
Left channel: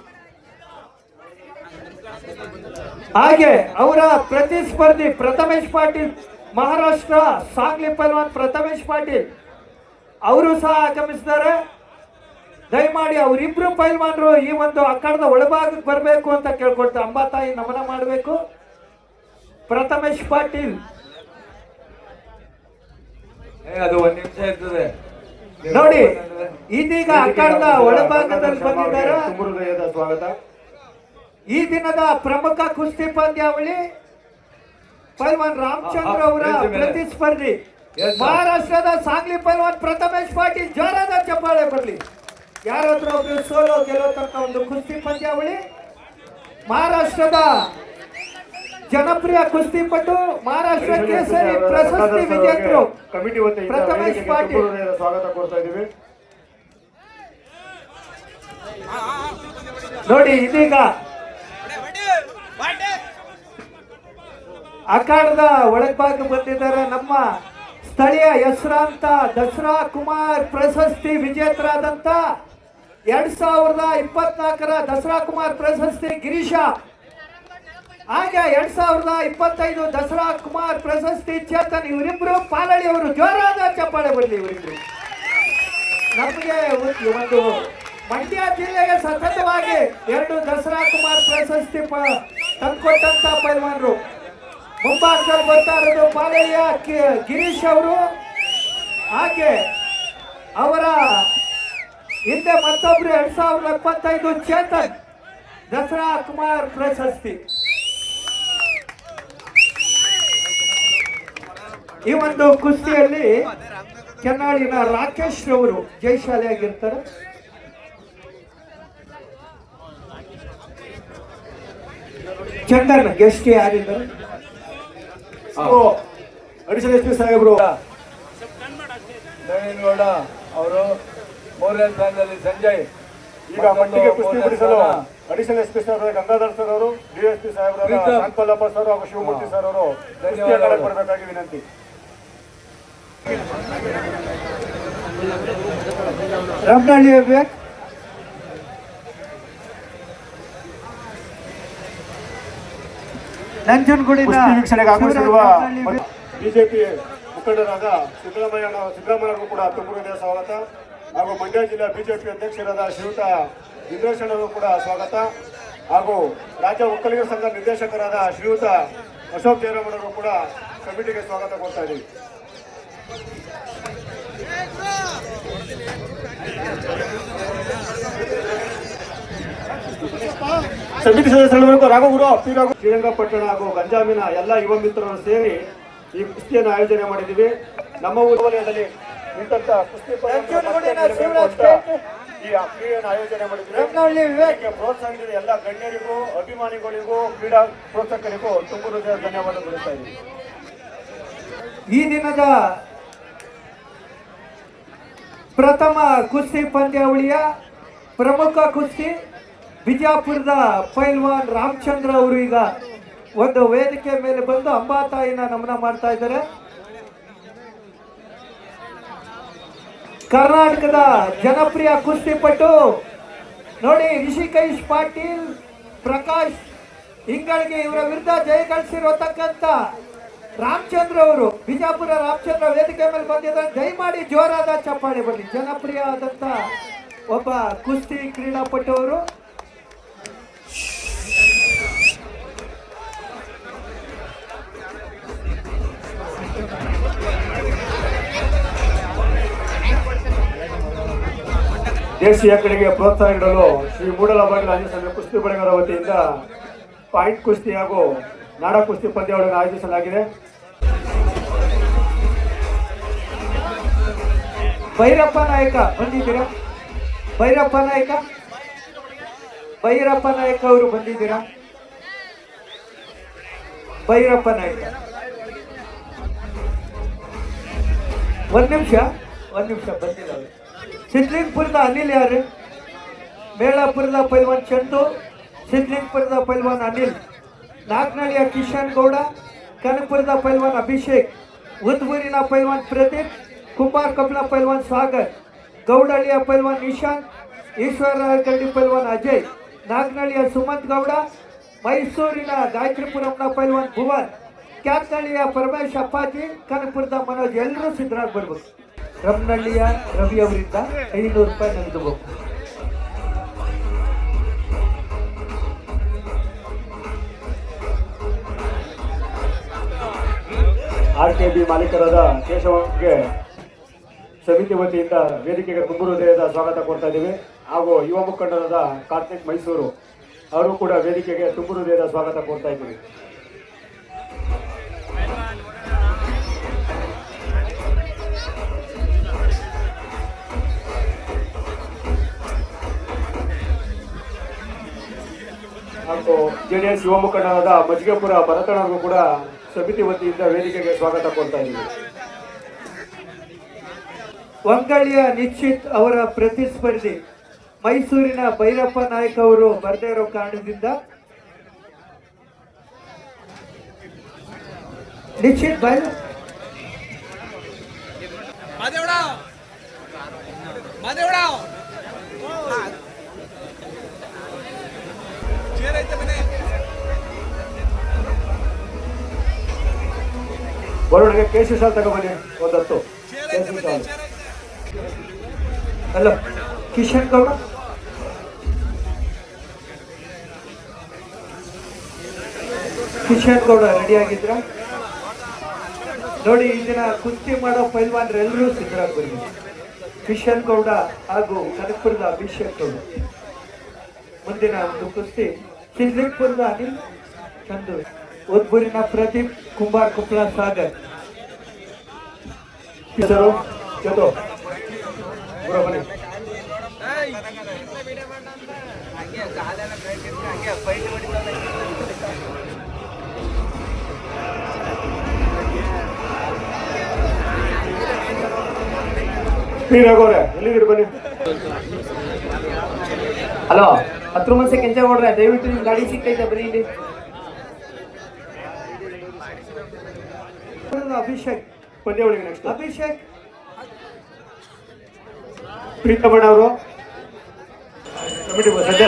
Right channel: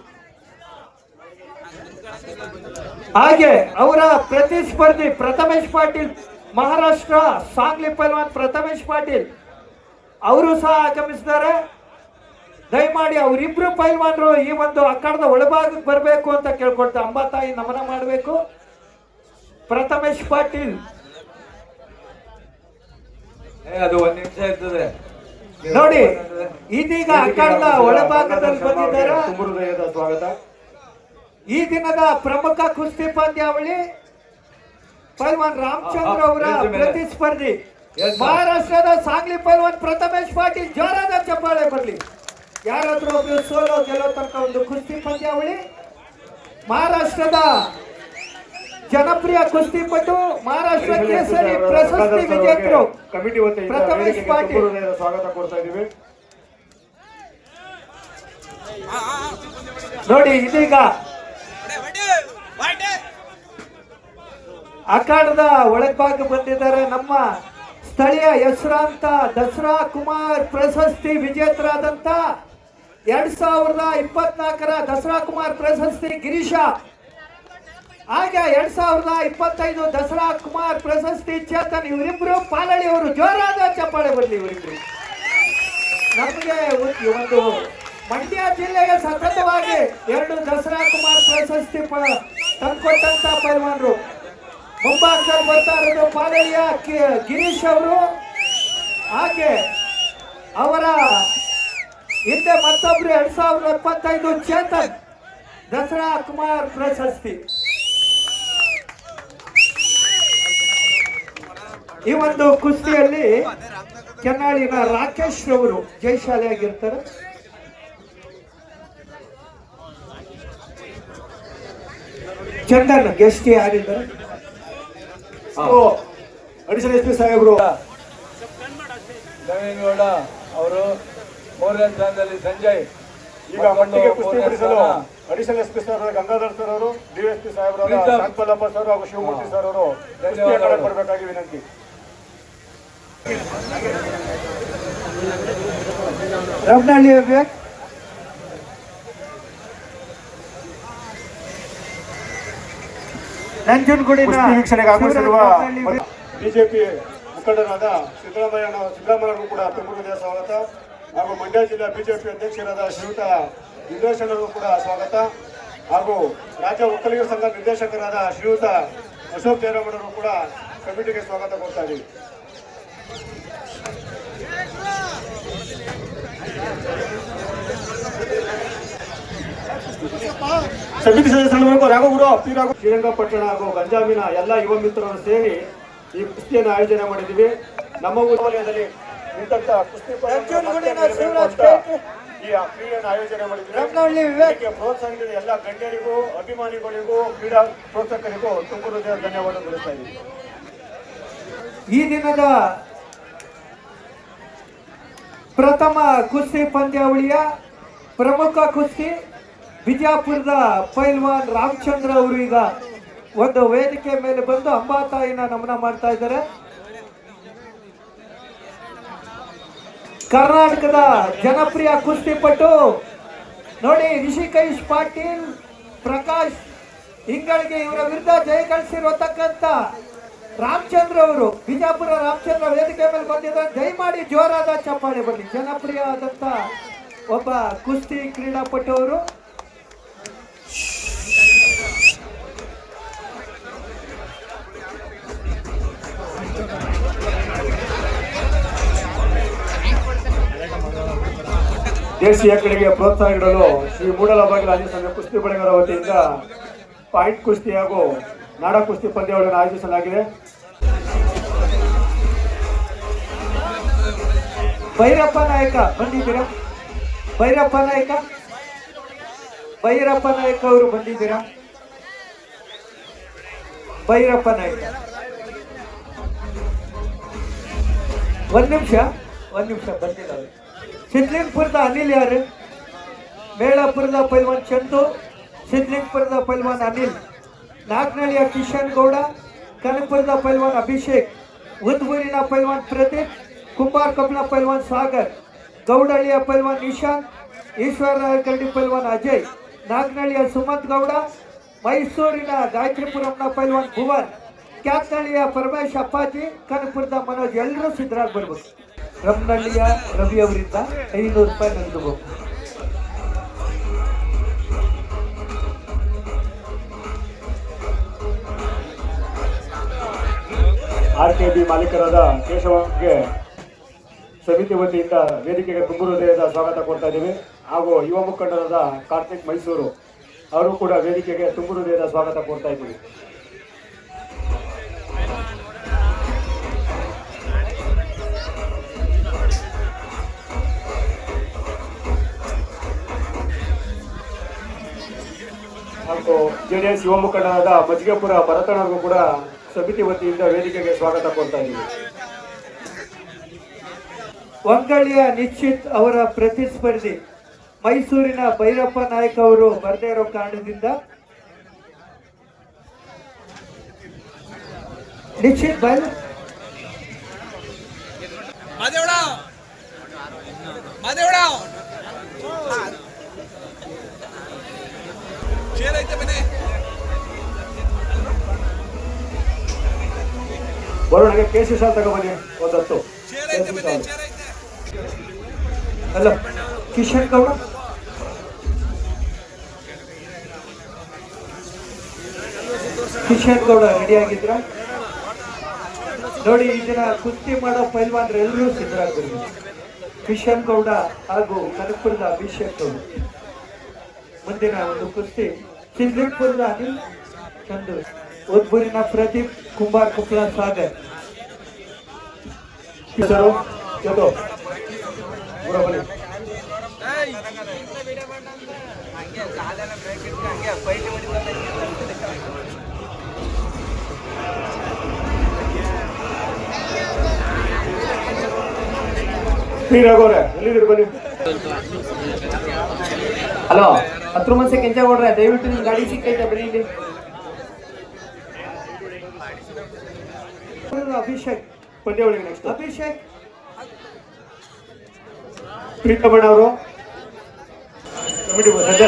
ಹಾಗೆ ಅವರ ಪ್ರತಿಸ್ಪರ್ಧಿ ಪ್ರಥಮೇಶ್ ಪಾಟೀಲ್, ಮಹಾರಾಷ್ಟ್ರ ಸಾಂಗ್ಲಿ ಪೈಲ್ವಾನ್ ಪ್ರಥಮೇಶ್ ಪಾಟೀಲ್ ಅವರು ಸಹ ಆಗಮಿಸಿದ್ದಾರೆ. ದಯಮಾಡಿ ಅವರಿಬ್ರು ಪೈಲ್ವಾನರು ಈ ಒಂದು ಅಖಾಡದ ಒಳಭಾಗಕ್ಕೆ ಬರಬೇಕು ಅಂತ ಕೇಳ್ಕೊಳ್ತಾ ಅಂಬಾತಾಯಿ ನಮನ ಮಾಡಬೇಕು. ಪ್ರಥಮೇಶ್ ಪಾಟೀಲ್ ಅದು 1 ನಿಮಿಷ ಇರ್ತದೆ ನೋಡಿ, ಇದೀಗ ಅಖಾಡದ ಒಳಭಾಗದಲ್ಲಿ ಬಂದಿದ್ದಾರೆ. ತುಂಬ ಹೃದಯದ ಸ್ವಾಗತ. ಈ ದಿನದ ಪ್ರಮುಖ ಕುಸ್ತಿ ಪಂದ್ಯಾವಳಿ ಪೈಲ್ವಾನ್ ರಾಮಚಂದ್ರ ಅವರ ಪ್ರತಿಸ್ಪರ್ಧಿ ಮಹಾರಾಷ್ಟ್ರದ ಸಾಂಗ್ಲಿ ಪೈಲ್ವಾನ್ ಪ್ರಥಮೇಶ್ ಪಾಟೀಲ್. ಜೋರಾದ ಚಪ್ಪಾಳೆ ಬರಲಿ. ಯಾರಾದ್ರೂ ಒಬ್ರು ಸೋಲೋ ಗೆಲ್ಲೋ ತನಕ ಒಂದು ಕುಸ್ತಿ ಪಂದ್ಯಾವಳಿ. ಮಹಾರಾಷ್ಟ್ರದ ಜನಪ್ರಿಯ ಕುಸ್ತಿಪಟು, ಮಹಾರಾಷ್ಟ್ರ ಕೇಸರಿ ಪ್ರಶಸ್ತಿ ವಿಜೇತರು ಕಮಿಟಿ ವತಿಯಿಂದ ಪ್ರಥಮೇಶ್ ವೇದಿಕೆಗೆ ತುಂಬ ಪಾಟೀಲ್. ಹೃದಯದ ಸ್ವಾಗತ ಕೊಡ್ತಾ ಇದ್ದೀವಿ. ನೋಡಿ, ಇದೀಗ ಅಖಾಡದ ಒಳಭಾಗ ಬಂದಿದ್ದಾರೆ ನಮ್ಮ ಸ್ಥಳೀಯ ಹೆಸರಾಂತ ದಸರಾ ಕುಮಾರ್ ಪ್ರಶಸ್ತಿ ವಿಜೇತರಾದಂತ 2024ರ ದಸರಾ ಕುಮಾರ್ ಪ್ರಶಸ್ತಿ ಗಿರೀಶ, ಹಾಗೆ 2025 ದಸರಾ ಕುಮಾರ್ ಪ್ರಶಸ್ತಿ ಚೇತನ್. ಇವರಿಬ್ರು ಪಾಲಳಿಯವರು. ಜೋರಾದ ಚಪ್ಪಾಳೆ ಬರಲಿ ಇವರಿಬ್ರು. ನಮಗೆ ಒಂದು ಮಂಡ್ಯ ಜಿಲ್ಲೆಗೆ ಸತತವಾಗಿ 2 ದಸರಾ ಕುಮಾರ್ ಪ್ರಶಸ್ತಿ ತಂದುಕೊಟ್ಟಂತ ಪೈಲ್ವಾನರು. ಮುಂಭಾಗದಲ್ಲಿ ಬರ್ತಾ ಇರೋದು ಪಾಲಳಿಯ ಗಿರೀಶ್ ಅವರು, ಹಾಗೆ ಅವರ ಹಿಂದೆ ಮತ್ತೊಬ್ರು 2025 ಚೇತನ್ ದಸರಾ ಕುಮಾರ್ ಪ್ರಶಸ್ತಿ. ಈ ಒಂದು ಕುಸ್ತಿಯಲ್ಲಿ ಕೆನ್ನಾಳಿನ ರಾಕೇಶ್ ಅವರು ಜಯಶಾಲಿಯಾಗಿರ್ತಾರೆ. ಚಂದನ್ ಗೆಸ್ಟ್ ಯಾರಿದ್ದಾರೆ? ಅಡಿಷನಲ್ ಎಸ್ ಪಿ ಸಾಹೇಬರು ನವೀನ್ ಗೌಡ ಅವರು 3ನೇ ಸ್ಥಾನದಲ್ಲಿ. ಸಂಜಯ್ ಈಗ ಮಟ್ಟಿಗೆ ಕುಸ್ತಿ ಬಿಡಿಸಲು additional S P sir Gangadhar sir ಅವರು, ಡಿಎಸ್ಪಿ ಸಾಹೇಬರು ಶಾಂತಮಲ್ಲಪ್ಪ ಸರ್ ಹಾಗೂ ಶಿವಮೂರ್ತಿ ಸರ್ ಅವರು ಕೊಡಬೇಕಾಗಿ ವಿನಂತಿ. ರಾಮನಹಳ್ಳಿ ವ್ಯಾಕ್ ನಂಜನಗೂಡಿನ ಕುಸ್ತಿ ವೀಕ್ಷಣೆಗೆ ಆಗಮಿಸಿರುವ ಬಿಜೆಪಿ ಮುಖಂಡರಾದ ಸಿದ್ದರಾಮಯ್ಯನವರು ಕೂಡ ತುಂಬ ಹೃದಯ ಸ್ವಾಗತ, ಹಾಗೂ ಮಂಡ್ಯ ಜಿಲ್ಲಾ ಬಿಜೆಪಿ ಅಧ್ಯಕ್ಷರಾದ ಶ್ರೀಯುತ ಇಂದ್ರೇಶನವರು ಕೂಡ ಸ್ವಾಗತ, ಹಾಗೂ ರಾಜ್ಯ ಒಕ್ಕಲಿಗರ ಸಂಘ ನಿರ್ದೇಶಕರಾದ ಶ್ರೀಯುತ ಅಶೋಕ್ ಜಯರಾಮರವರು ಕೂಡ ಕಮಿಟಿಗೆ ಸ್ವಾಗತ ಕೊಡ್ತಾ ಇದ್ದೀವಿ. ಸಮಿತಿ ಸದಸ್ಯರು ರಾಘವಗುರು ಶ್ರೀರಂಗಪಟ್ಟಣ ಹಾಗೂ ಗಂಜಾಮಿನ ಎಲ್ಲ ಯುವ ಮಿತ್ರರು ಸೇರಿ ಈ ಕುಸ್ತಿಯನ್ನು ಆಯೋಜನೆ ಮಾಡಿದ್ದೀವಿ. ನಮ್ಮ ಊರಿನಲ್ಲಿ ಇಂಥ ಕುಸ್ತಿ ಈ ಕ್ರೀಡೆಯನ್ನು ಆಯೋಜನೆ ಮಾಡಿದ್ದೀವಿ. ಇದಕ್ಕೆ ಪ್ರೋತ್ಸಾಹ ನೀಡಿದ ಎಲ್ಲ ಗಣ್ಯರಿಗೂ, ಅಭಿಮಾನಿಗಳಿಗೂ, ಕ್ರೀಡಾ ಪ್ರೋತ್ಸಾಹಕರಿಗೂ ತುಂಬ ಹೃದಯದ ಧನ್ಯವಾದ ತಿಳಿಸ್ತಾ ಇದ್ದೀವಿ. ಈ ದಿನದ ಪ್ರಥಮ ಕುಸ್ತಿ ಪಂದ್ಯಾವಳಿಯ ಪ್ರಮುಖ ಕುಸ್ತಿ ಬಿಜಾಪುರದ ಪೈಲ್ವಾನ್ ರಾಮಚಂದ್ರ ಅವರು ಈಗ ಒಂದು ವೇದಿಕೆ ಮೇಲೆ ಬಂದು ಅಂಬಾತಾಯಿನ ನಮನ ಮಾಡ್ತಾ ಇದ್ದಾರೆ. ಕರ್ನಾಟಕದ ಜನಪ್ರಿಯ ಕುಸ್ತಿಪಟು ನೋಡಿ, ರಿಷಿಕೇಶ್ ಪಾಟೀಲ್, ಪ್ರಕಾಶ್ ಇಂಗಳಿಗೆ ಇವರ ವಿರುದ್ಧ ಜಯ ಗಳಿಸಿರತಕ್ಕಂಥ ರಾಮಚಂದ್ರ ಅವರು ಬಿಜಾಪುರ ರಾಮಚಂದ್ರ ವೇದಿಕೆ ಮೇಲೆ ಬಂದಿದ್ದಾರೆ. ದಯಮಾಡಿ ಜೋರಾದ ಚಪ್ಪಾಳೆ ಬನ್ನಿ. ಜನಪ್ರಿಯ ಆದಂತ ಒಬ್ಬ ಕುಸ್ತಿ ಕ್ರೀಡಾಪಟು ಅವರು. ದೇಶೀಯ ಕ್ರೀಡೆಗೆ ಪ್ರೋತ್ಸಾಹ ನೀಡಲು ಶ್ರೀ ಮೂಡಲಬಾಗಿಲು ಆಂಜನೇಯ ಸ್ವಾಮಿ ಕುಸ್ತಿ ಬಳೆಗಳ ವತಿಯಿಂದ ಪಾಯಿಂಟ್ ಕುಸ್ತಿ ಹಾಗೂ ನಾಡ ಕುಸ್ತಿ ಪಂದ್ಯಾವಳಿಯನ್ನು ಆಯೋಜಿಸಲಾಗಿದೆ. ಭೈರಪ್ಪ ನಾಯಕ ಬಂದಿದ್ದೀರಾ? ಭೈರಪ್ಪ ನಾಯಕ ಅವರು ಬಂದಿದ್ದೀರಾ? ಭೈರಪ್ಪ ನಾಯಕ ಒಂದ್ ನಿಮಿಷ ಬಂದಿಲ್ಲ. ಸಿದ್ಲಿಂಗ್ಪುರದ ಅನಿಲ್ ಯಾರು? ಮೇಳಾಪುರದ ಪೈಲ್ವಾನ್ ಚಂದು, ಸಿದ್ಲಿಂಗ್ಪುರದ ಪೈಲ್ವಾನ್ ಅನಿಲ್, ನಾಲ್ಕನಹಳ್ಳಿಯ ಕಿಶನ್ ಗೌಡ, ಕನಕಪುರದ ಪೈಲ್ವಾನ್ ಅಭಿಷೇಕ್, ಉದ್ಬೂರಿನ ಪೈಲ್ವಾನ್ ಪ್ರದೀಪ್, ಕುಂಬಾರ್ ಕಬ್ಲ ಪೈಲ್ವಾನ್ ಸಾಗರ್, ಗೌಡಹಳ್ಳಿಯ ಪೈಲ್ವಾನ್ ನಿಶಾಂತ್, ಈಶ್ವರಕರಡಿ ಪೈಲ್ವಾನ್ ಅಜಯ್, ನಾಗನಹಳ್ಳಿಯ ಸುಮಂತ್ ಗೌಡ, ಮೈಸೂರಿನ ಗಾಯತ್ರಿಪುರಂನ ಪೈಲ್ವಾನ್ ಭುವನ್, ಕ್ಯಾತ್ನಹಳ್ಳಿಯ ಪರಮೇಶ್ ಅಪ್ಪಾಜಿ, ಕನಕಪುರದ ಮನೋಜ್. ಎಲ್ಲರೂ ಸಿದ್ಧರಾಗಿ ಬರ್ಬೇಕು. ರಮ್ನಹಳ್ಳಿಯ ರವಿ ಅವರಿಂದ 500 ರೂಪಾಯಿ ನಗದು ಬೇಕು. RKB ಮಾಲೀಕರಾದ ಕೇಶವಗೆ ಸಮಿತಿ ವತಿಯಿಂದ ವೇದಿಕೆಗೆ ತುಂಬ ಹೃದಯದ ಸ್ವಾಗತ ಕೊಡ್ತಾ ಇದ್ದೀವಿ. ಹಾಗೂ ಯುವ ಮುಖಂಡರಾದ ಕಾರ್ತಿಕ್ ಮೈಸೂರು ಅವರು ಕೂಡ ವೇದಿಕೆಗೆ ತುಂಬ ಹೃದಯದ ಸ್ವಾಗತ ಕೊಡ್ತಾ ಇದ್ದೀವಿ. ಹಾಗೂ JDS ಯುವ ಮುಖಂಡರಾದ ಮಜ್ಜಿಗೆಪುರ ಭರತಣ್ಣರಿಗೂ ಕೂಡ ಸಮಿತಿ ವತಿಯಿಂದ ವೇದಿಕೆಗೆ ಸ್ವಾಗತ ಕೊಡ್ತಾ ಇದ್ದೀವಿ. ವಂಗಳ್ಳಿಯ ನಿಶ್ಚಿತ್ ಅವರ ಪ್ರತಿಸ್ಪರ್ಧಿ ಮೈಸೂರಿನ ಭೈರಪ್ಪ ನಾಯಕ್ ಅವರು ಬರದೇ ಇರೋ ಕಾರಣದಿಂದ ನಿಶ್ಚಿತ್ ಬೈ ಬರೋಣಿಗೆ ಕೇಸರಿ ಶಾಲ್ ತಗೊಬನ್ನಿ ಒಂದು 10 ಕೇಸರಿ ಶಾಲ್. ಅಲ್ಲ ಕಿಶನ್ ಗೌಡ ರೆಡಿ ಆಗಿದ್ರ ನೋಡಿ. ಈ ದಿನ ಕುಸ್ತಿ ಮಾಡೋ ಪೈಲ್ವಾನ್ರೆಲ್ಲರೂ ಸಿದ್ಧರಾಗಿ ಬನ್ನಿ. ಕಿಶನ್ ಗೌಡ ಹಾಗೂ ಕನಕಪುರದ ಅಭಿಷೇಕ್ ಅವರು. ಮುಂದಿನ ಒಂದು ಕುಸ್ತಿ ಸಿದ್ಲಿಂಗ್ಪುರದ ಅನಿಲ್ ಚಂದು, ಉದ್ಬೂರಿನ ಪ್ರದೀಪ್, ಕುಂಬಾರ್ ಕೊಪ್ಪಳ ಸಾಗರ್. ಬನ್ನಿ. ಹಲೋ, 10 ಮನಸ್ಸೆ ಕೆಂಚೇಗೌಡ್ರೆ, ದಯವಿಟ್ಟು ನಿಮ್ ಗಾಡಿ ಸಿಗ್ತೈತೆ ಬರೀ ಇಲ್ಲಿ. ಅಭಿಷೇಕ್ ಪಂದ್ಯಾವಳಿಗೆ ನೆಕ್ಸ್ಟ್ ಅಭಿಷೇಕ್ ಪ್ರೀತಮಣ್ಣ ಅವರು ಕಮಿಟಿ ಸದ್ಯ